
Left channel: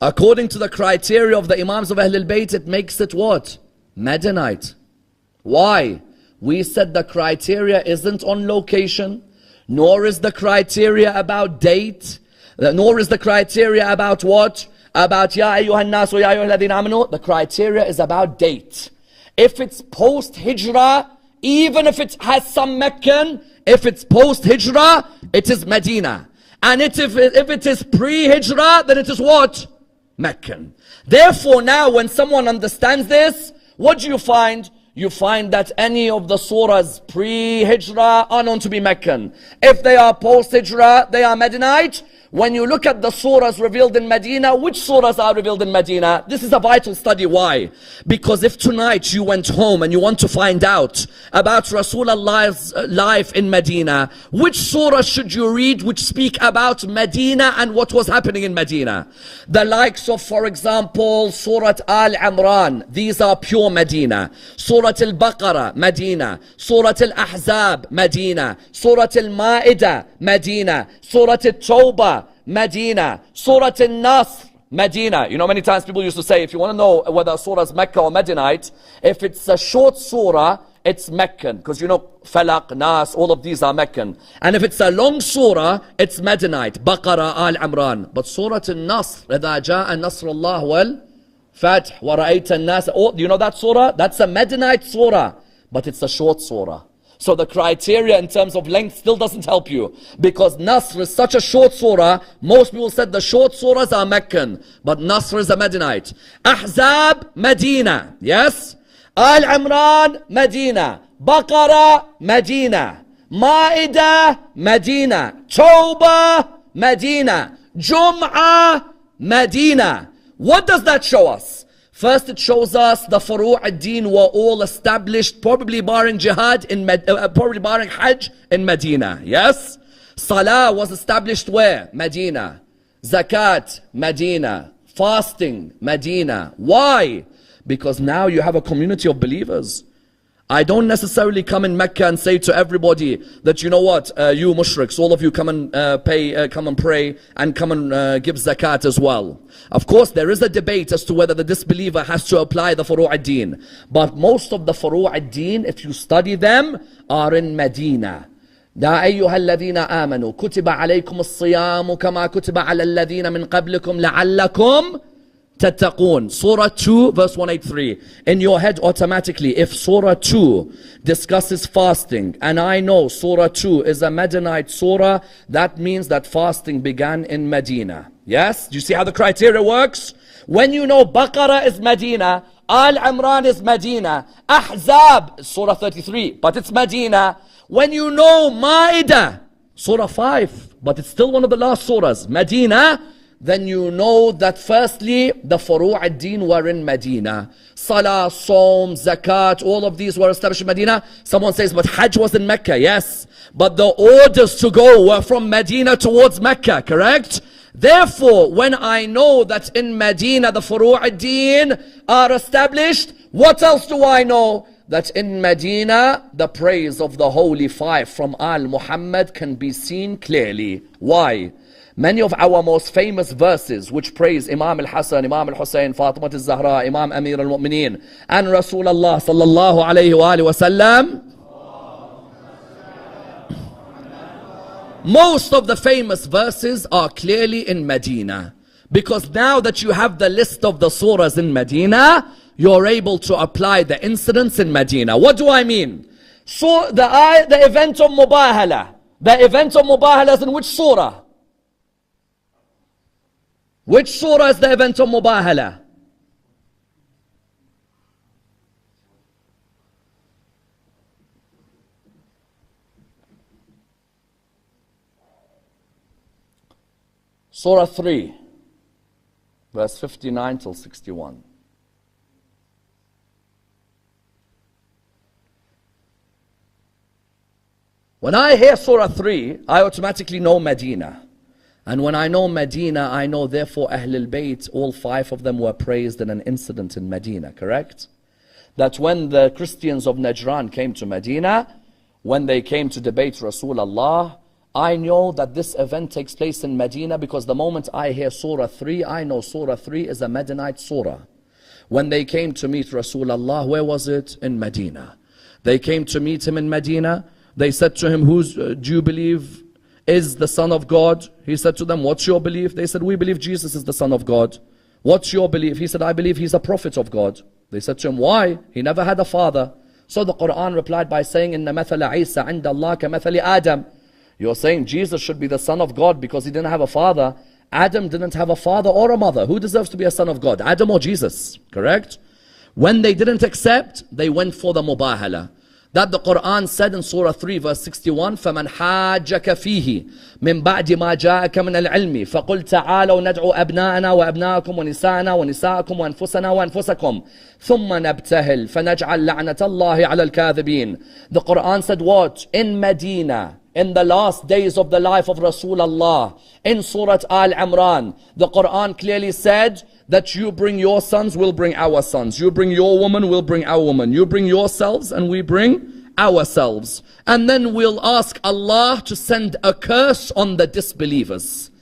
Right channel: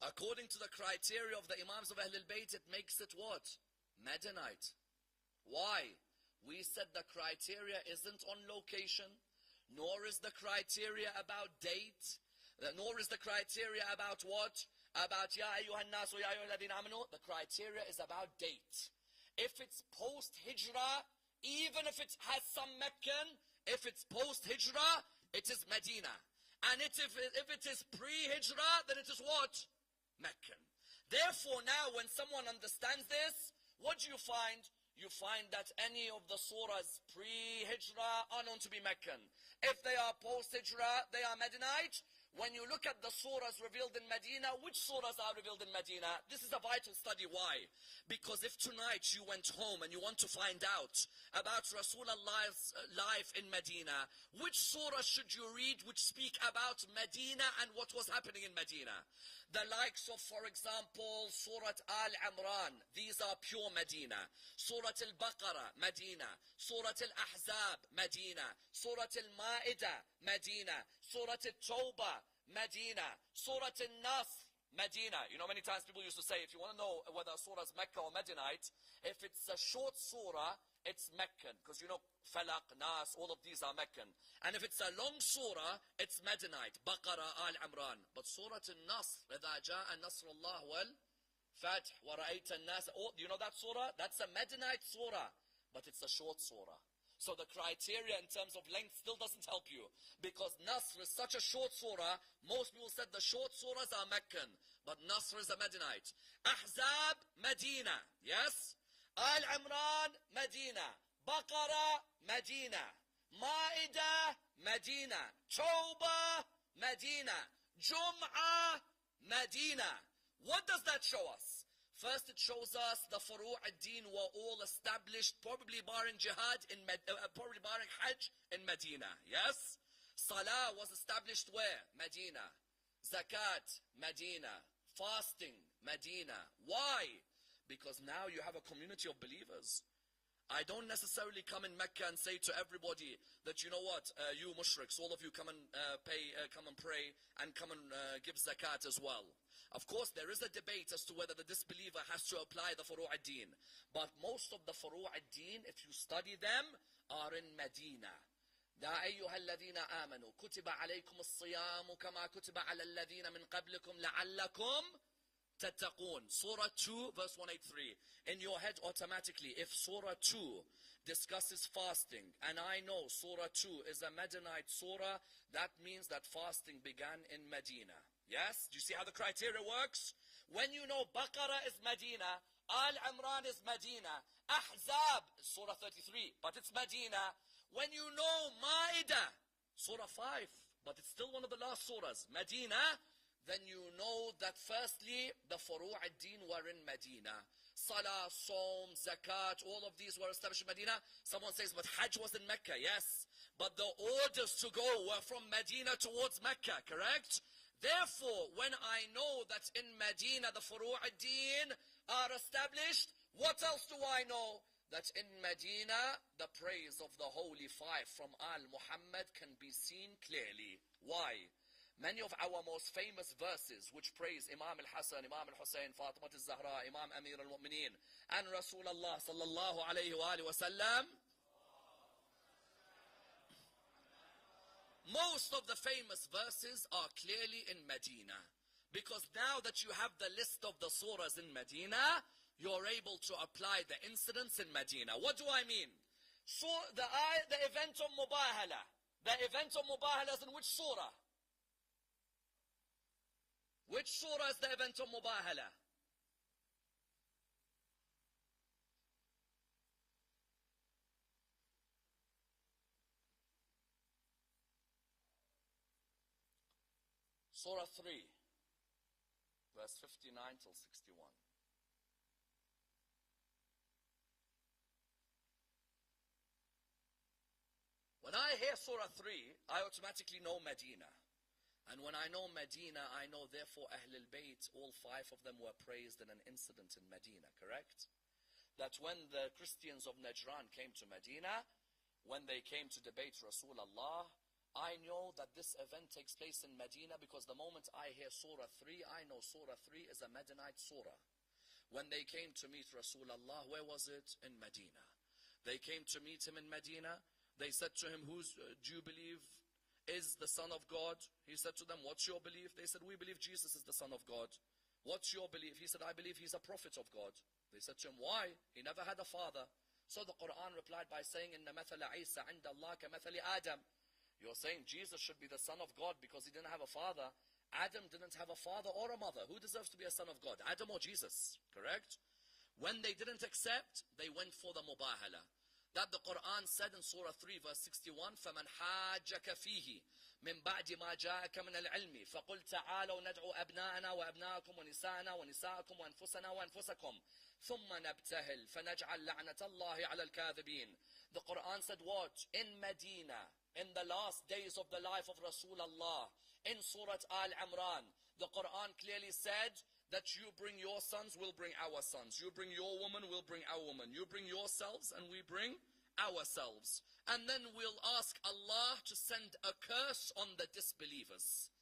According to the criteria of the Imams of Ahlul Bayt, it makes it what? Medinite. Why? We said the criteria isn't on location, nor is the criteria about date, nor is the criteria about what? About Ya ayyuhan nas wa ya ayyuhalladhina amanu. The criteria is about date. If it's post-Hijrah, even if it has some Meccan, if it's post-Hijrah, it is Medina. And if it is pre-Hijrah, then it is what? Meccan. Therefore now when someone understands this, what do you find? you find that any of the surahs pre-Hijrah are known to be Meccan. If they are post-Hijrah, they are Medinite. When you look at the surahs revealed in Medina, which surahs are revealed in Medina? This is a vital study. Why? Because if tonight you went home and you want to find out about Rasulullah's life in Medina, which surah should you read which speak about Medina and what was happening in Medina? The likes of, for example, Surah Al-Imran. These are pure Medina. Surah Al-Baqarah, Medina. Surah Al-Ahzab, Medina. Surah Al-Ma'idah, Medina. Surah Al-Tawbah, Medina. Surah Al-Nasr, Medina. You know, many times people used to say, if you want to know whether a surah is Mecca or Medinite, if it's a short surah, it's Meccan. Because you know, Falaq, Nas, all of these are Meccan. And if it's a long surah, it's Medinite. Baqarah, Al-Imran. But Surah Al-Nasr, إِذَا جَاءَ نَصْرُ اللَّهِ وَالْفَتْحِ وَرَأَيْتَ النَّاسَ. Oh, do you know that surah? That's a Medinite surah. But it's a short surah. So the criteria in terms of length still doesn't help you. Because Nasr is such a short surah, most people said the short surahs are Meccan. But Nasr is a Medinite. Ahzab, Medina. Yes? Al-Imran, Medina. Baqarah, Medina. Ma'idah, Medina. Tawbah, Medina. Jum'ah, Medina. What does that show us? First, it shows us the Furu' ad-Din were all established, probably barring Jihad, probably barring Hajj in Medina. Yes? Salah was established where? Medina. Zakat, Medina. Fasting, Medina. Why? Because now you have a community of believers. I don't necessarily come in Mecca and say to everybody that, you know what, you mushriks, all of you come and come and pray and come and give zakat as well. Of course, there is a debate as to whether the disbeliever has to apply the Furu' ad-Din. But most of the Furu' ad-Din, if you study them, are in Medina. يا أيها الذين آمنوا كتب عليكم الصيام كما كتب على الذين من قبلكم لعلكم تتقون. Surah 2 verse 183. In your head automatically, if Surah 2 discusses fasting, and I know Surah 2 is a Medinite surah, that means that fasting began in Medina. Yes? Do you see how the criteria works? When you know Baqarah is Medina, Al-Imran is Medina, Ahzab, Surah 33, but it's Medina. When you know Ma'idah, Surah 5, but it's still one of the last surahs, Medina, then you know that firstly, the Furu' ad-Din were in Medina. Salah, Saum, Zakat, all of these were established in Medina. Someone says, but Hajj was in Mecca. Yes, but the orders to go were from Medina towards Mecca, correct? Therefore, when I know that in Medina the Furu' ad-Din are established, what else do I know? That in Medina, the praise of the Holy Five from Al-Muhammad can be seen clearly. Why? Many of our most famous verses which praise Imam al-Hasan, Imam al-Hussein, Fatima al-Zahra, Imam Amir al-Mu'mineen, and Rasulullah sallallahu alayhi wa sallam, most of the famous verses are clearly in Medina. Because now that you have the list of the surahs in Medina, you're able to apply the incidents in Medina. What do I mean? So the event of Mubahala. The event of Mubahala is in which surah? Which surah is the event of Mubahala? Surah 3, verse 59 till 61. When I hear Surah 3, I automatically know Medina. And when I know Medina, I know therefore Ahlul Bayt, all five of them were praised in an incident in Medina, correct? That when the Christians of Najran came to Medina, when they came to debate Rasulullah, I know that this event takes place in Medina because the moment I hear Surah 3, I know Surah 3 is a Medinite surah. When they came to meet Rasulullah, where was it? In Medina. They came to meet him in Medina. They said to him, do you believe is the Son of God? He said to them, what's your belief? They said, we believe Jesus is the Son of God. What's your belief? He said, I believe he's a prophet of God. They said to him, why? He never had a father. So the Qur'an replied by saying, إِنَّ مَثَلَ عِيسَى عِنْدَ اللَّهِ كَمَثَلِ آدَمَ. You're saying Jesus should be the Son of God because he didn't have a father. Adam didn't have a father or a mother. Who deserves to be a son of God? Adam or Jesus? Correct? When they didn't accept, they went for the mubahala. That the Qur'an said in Surah 3 verse 61, فَمَنْ حَاجَّكَ فِيهِ مِنْ بَعْدِ مَا جَاءَكَ مِنَ الْعِلْمِ فَقُلْ تَعَالَوْا نَدْعُوا أَبْنَاءَنَا وَأَبْنَاءَكُمْ وَنِسَاءَنَا وَنِسَاءَكُمْ وَأَنفُسَنَا وَأَنفُسَكُمْ ثُمَّ نَبْتَهِلْ فَنَجْعَلْ لَعْنَةَ اللَّهِ عَلَى الْكَاذِبِينَ. The Qur'an said what? In Medina, in the last days of the life of Rasulullah, in Surah Al-Imran, the Qur'an clearly said that you bring your sons, we'll bring our sons. You bring your woman, we'll bring our woman. You bring yourselves and we bring ourselves. And then we'll ask Allah to send a curse on the disbelievers.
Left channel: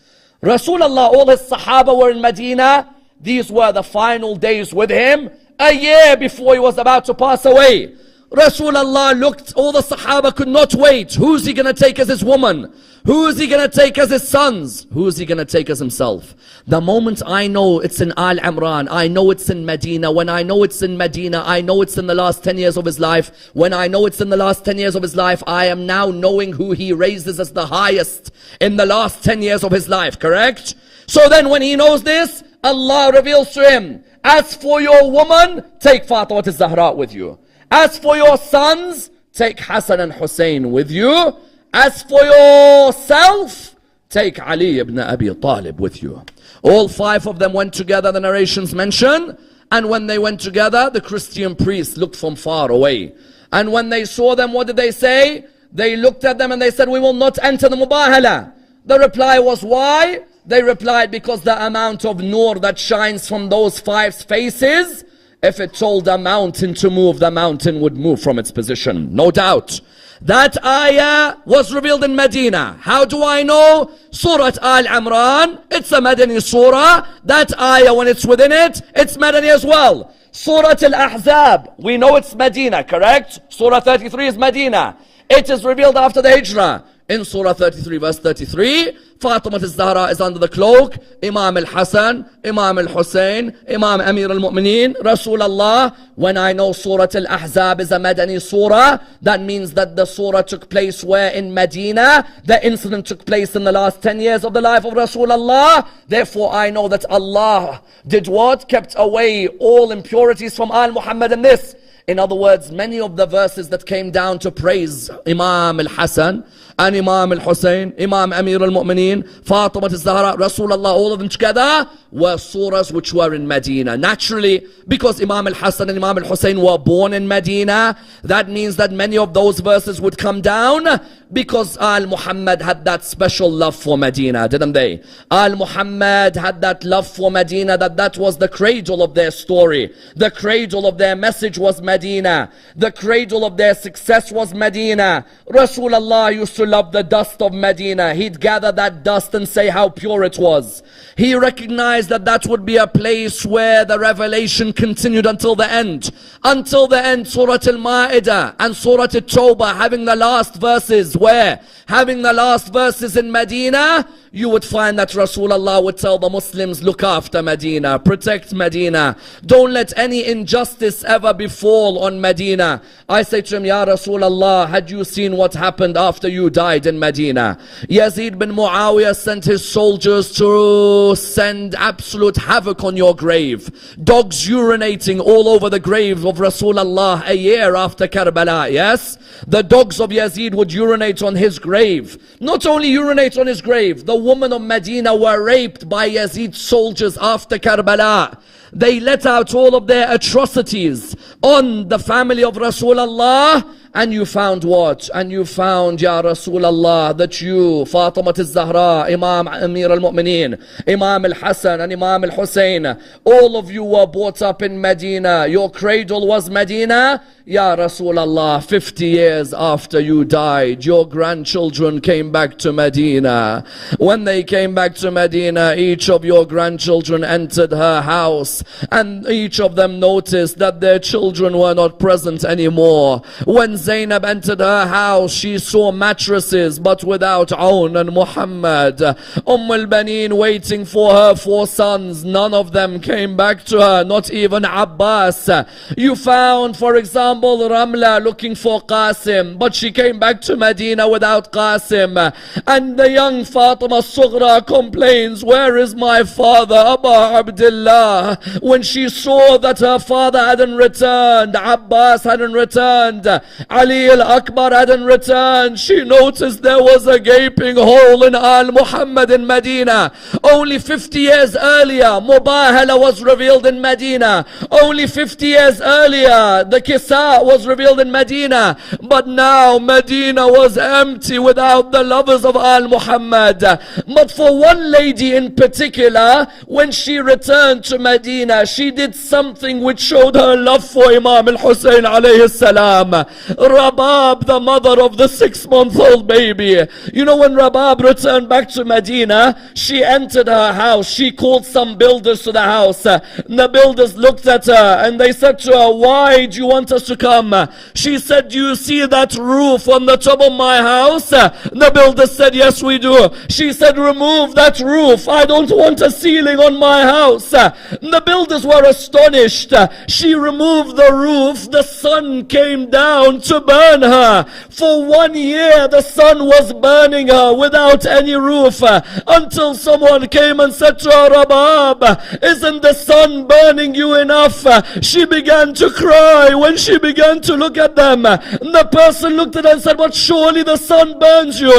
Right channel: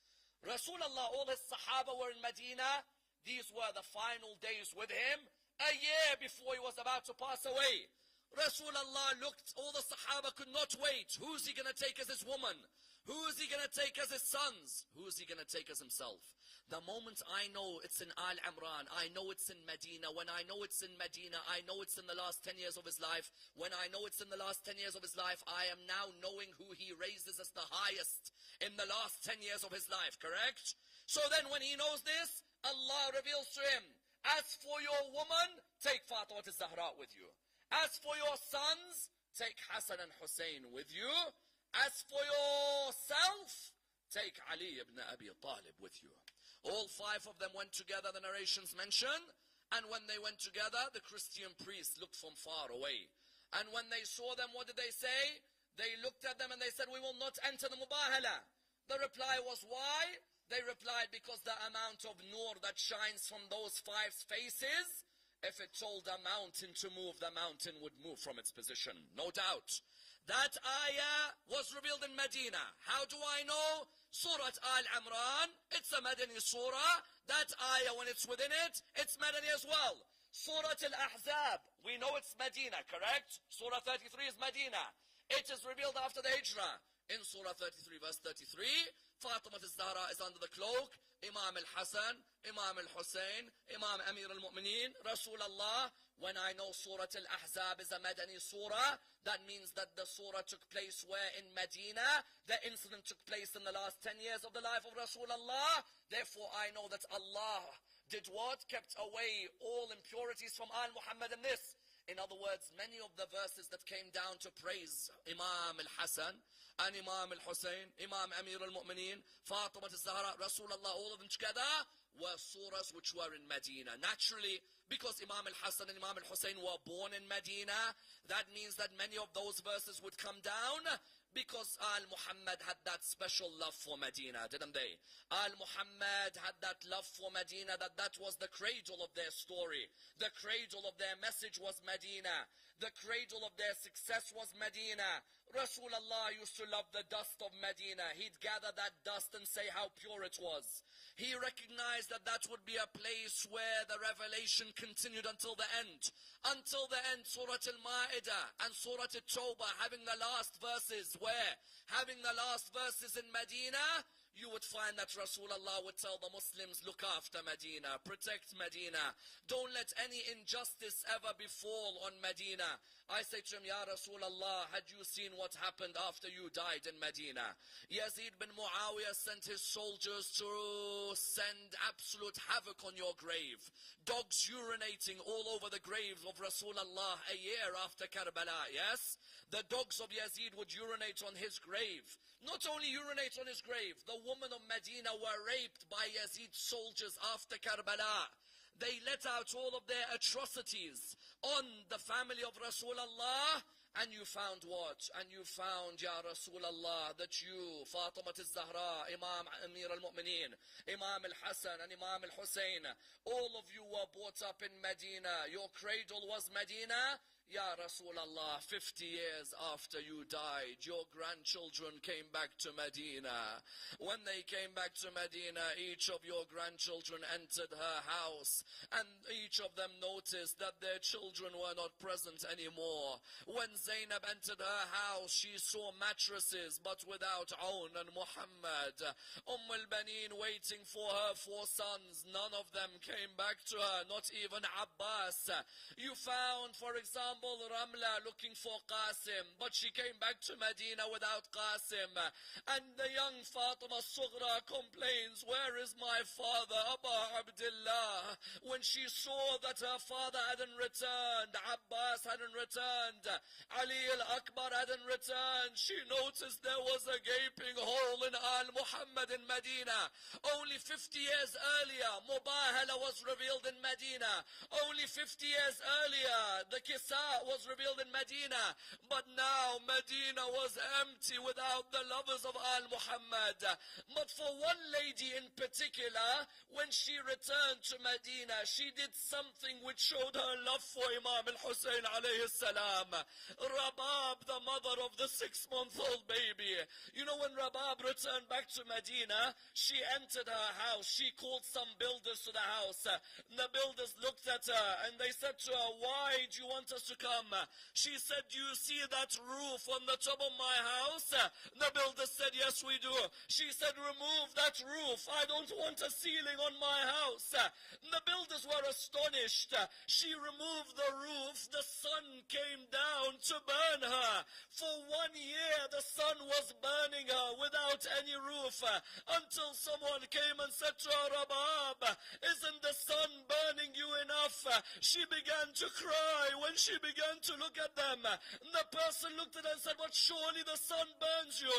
Rasulullah, all his Sahaba were in Medina. These were the final days with him, a year before he was about to pass away. Rasulullah looked, all the Sahaba could not wait. Who's he going to take as his woman? Who is he going to take as his sons? Who is he going to take as himself? The moment I know it's in Al-Imran, I know it's in Medina. When I know it's in Medina, I know it's in the last 10 years of his life. When I know it's in the last 10 years of his life, I am now knowing who he raises as the highest in the last 10 years of his life, correct? So then when he knows this, Allah reveals to him, as for your woman, take Fatima al-Zahra with you. As for your sons, take Hassan and Hussein with you. As for yourself, take Ali ibn Abi Talib with you. All five of them went together, the narrations mention. And when they went together, the Christian priests looked from far away. And when they saw them, what did they say? They looked at them and they said, we will not enter the mubahala. The reply was, why? They replied, because the amount of nur that shines from those five faces, if it told a mountain to move, the mountain would move from its position. No doubt. That ayah was revealed in Medina. How do I know? Surah Al-Imran, it's a Madani surah. That ayah, when it's within it, it's Madani as well. Surah Al-Ahzab, we know it's Medina, correct? Surah 33 is Medina. It is revealed after the Hijrah. In Surah 33 verse 33, Fatima al-Zahra is under the cloak, Imam al-Hassan, Imam al-Hussein, Imam Amir al-Mu'mineen, Rasulullah. When I know Surah al-Ahzab is a Madani surah, that means that the surah took place where? In Medina. The incident took place in the last 10 years of the life of Rasulullah. Therefore I know that Allah did what? Kept away all impurities from Al-Muhammad in this. In other words, many of the verses that came down to praise Imam al-Hassan and Imam al-Hussein, Imam Amir al-Mu'mineen, Fatima al-Zahra, Rasulullah, all of them together were surahs which were in Medina. Naturally, because Imam al-Hassan and Imam al-Hussein were born in Medina, that means that many of those verses would come down because Al-Muhammad had that special love for Medina, didn't they? Al-Muhammad had that love for Medina, that was the cradle of their story. The cradle of their message was Medina. The cradle of their success was Medina. Rasulullah used to love the dust of Medina. He'd gather that dust and say how pure it was. He recognized that that would be a place where the revelation continued until the end. Until the end, Surah Al-Ma'idah and Surah At-Tawbah having the last verses where? Having the last verses in Medina, you would find that Rasulullah would tell the Muslims, look after Medina, protect Medina. Don't let any injustice ever befall on Medina. I say to him, Ya Rasulullah, had you seen what happened after you died in Medina? Yazid bin Muawiyah sent his soldiers to send absolute havoc on your grave. Dogs urinating all over the grave of Rasulullah a year after Karbala, yes? The dogs of Yazid would urinate on his grave. Not only urinate on his grave, the women of Medina were raped by Yazid's soldiers after Karbala. They let out all of their atrocities on the family of Rasulullah. And you found what? And you found, Ya Rasulullah, that you, Fatima al-Zahra, Imam Amir al-Mu'mineen, Imam al-Hassan and Imam al-Hussein, all of you were brought up in Medina. Your cradle was Medina. Ya Rasulullah, 50 years after you died, your grandchildren came back to Medina. When they came back to Medina, each of your grandchildren entered her house, and each of them noticed that their children were not present anymore. When Zainab entered her house, she saw mattresses but without Aun and Muhammad. al-Baneen waiting for her 4 sons, none of them came back to her, not even Abbas. You found, for example, Ramla looking for Qasim, but she came back to Medina without Qasim. And the young Fatima Sughra complains, where is my father, Aba Abdullah? When she saw that her father hadn't returned, Abbas hadn't returned, Ali al-Akbar hadn't returned, she noticed there was a gaping hole in Al-Muhammad in Medina. Only 50 years earlier, Mubahala was revealed in Medina. Only 50 years earlier, the Kisa was revealed in Medina. But now Medina was empty without the lovers of Al-Muhammad. But for one lady in particular, when she returned to Medina, she did something which showed her love for Imam al-Hussein alayhi salam. Rabab, the mother of the 6-month-old baby. You know, when Rabab returned back to Medina, she entered her house. She called some builders to the house. The builders looked at her and they said to her, why do you want us to come? She said, do you see that roof on the top of my house? The builders said, yes, we do. She said, remove that roof. I don't want a ceiling on my house. The builders were astonished. She removed the roof. The sun came down to burn her. For 1 year, the sun was burning her without any roof, until someone came and said to her, Rabab, isn't the sun burning you enough? She began to cry when she began to look at them. The person looked at her and said, but surely the sun burns you.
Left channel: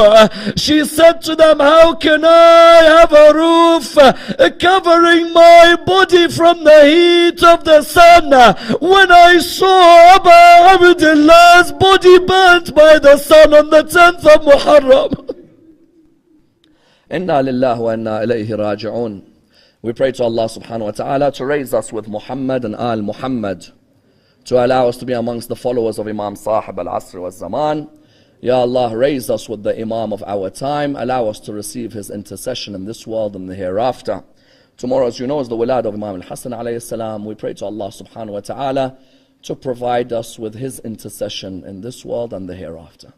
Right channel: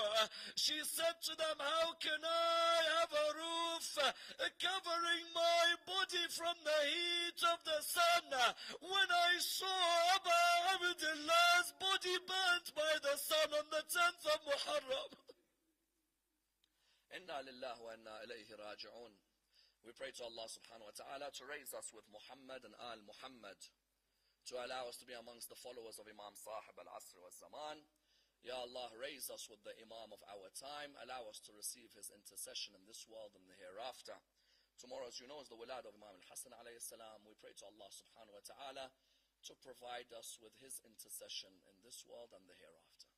She said to them, how can I have a roof covering my body from the heat of the sun when I saw Abu Abdullah's body burnt by the sun on the 10th of Muharram? Inna lillahi wa inna ilayhi raji'un. We pray to Allah subhanahu wa ta'ala to raise us with Muhammad and Al Muhammad, to allow us to be amongst the followers of Imam Sahib al-Asr wa Zaman. Ya Allah, raise us with the Imam of our time. Allow us to receive his intercession in this world and the hereafter. Tomorrow, as you know, is the Wilad of Imam al-Hasan alayhi salam. We pray to Allah subhanahu wa ta'ala to provide us with his intercession in this world and the hereafter.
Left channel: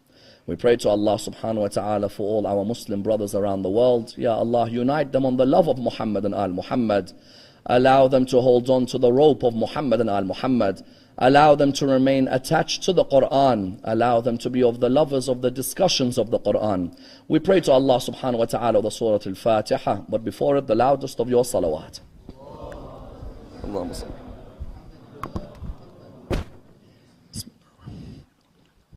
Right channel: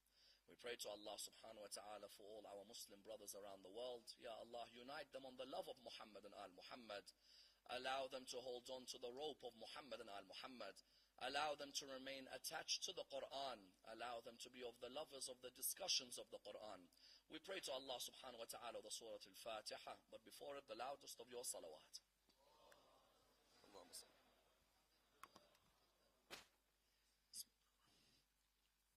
We pray to Allah subhanahu wa ta'ala for all our Muslim brothers around the world. Ya Allah, unite them on the love of Muhammad and Al Muhammad. Allow them to hold on to the rope of Muhammad and Al Muhammad. Allow them to remain attached to the Qur'an. Allow them to be of the lovers of the discussions of the Qur'an. We pray to Allah subhanahu wa ta'ala the Surah Al-Fatiha, but before it the loudest of your salawat. Allahumma salli.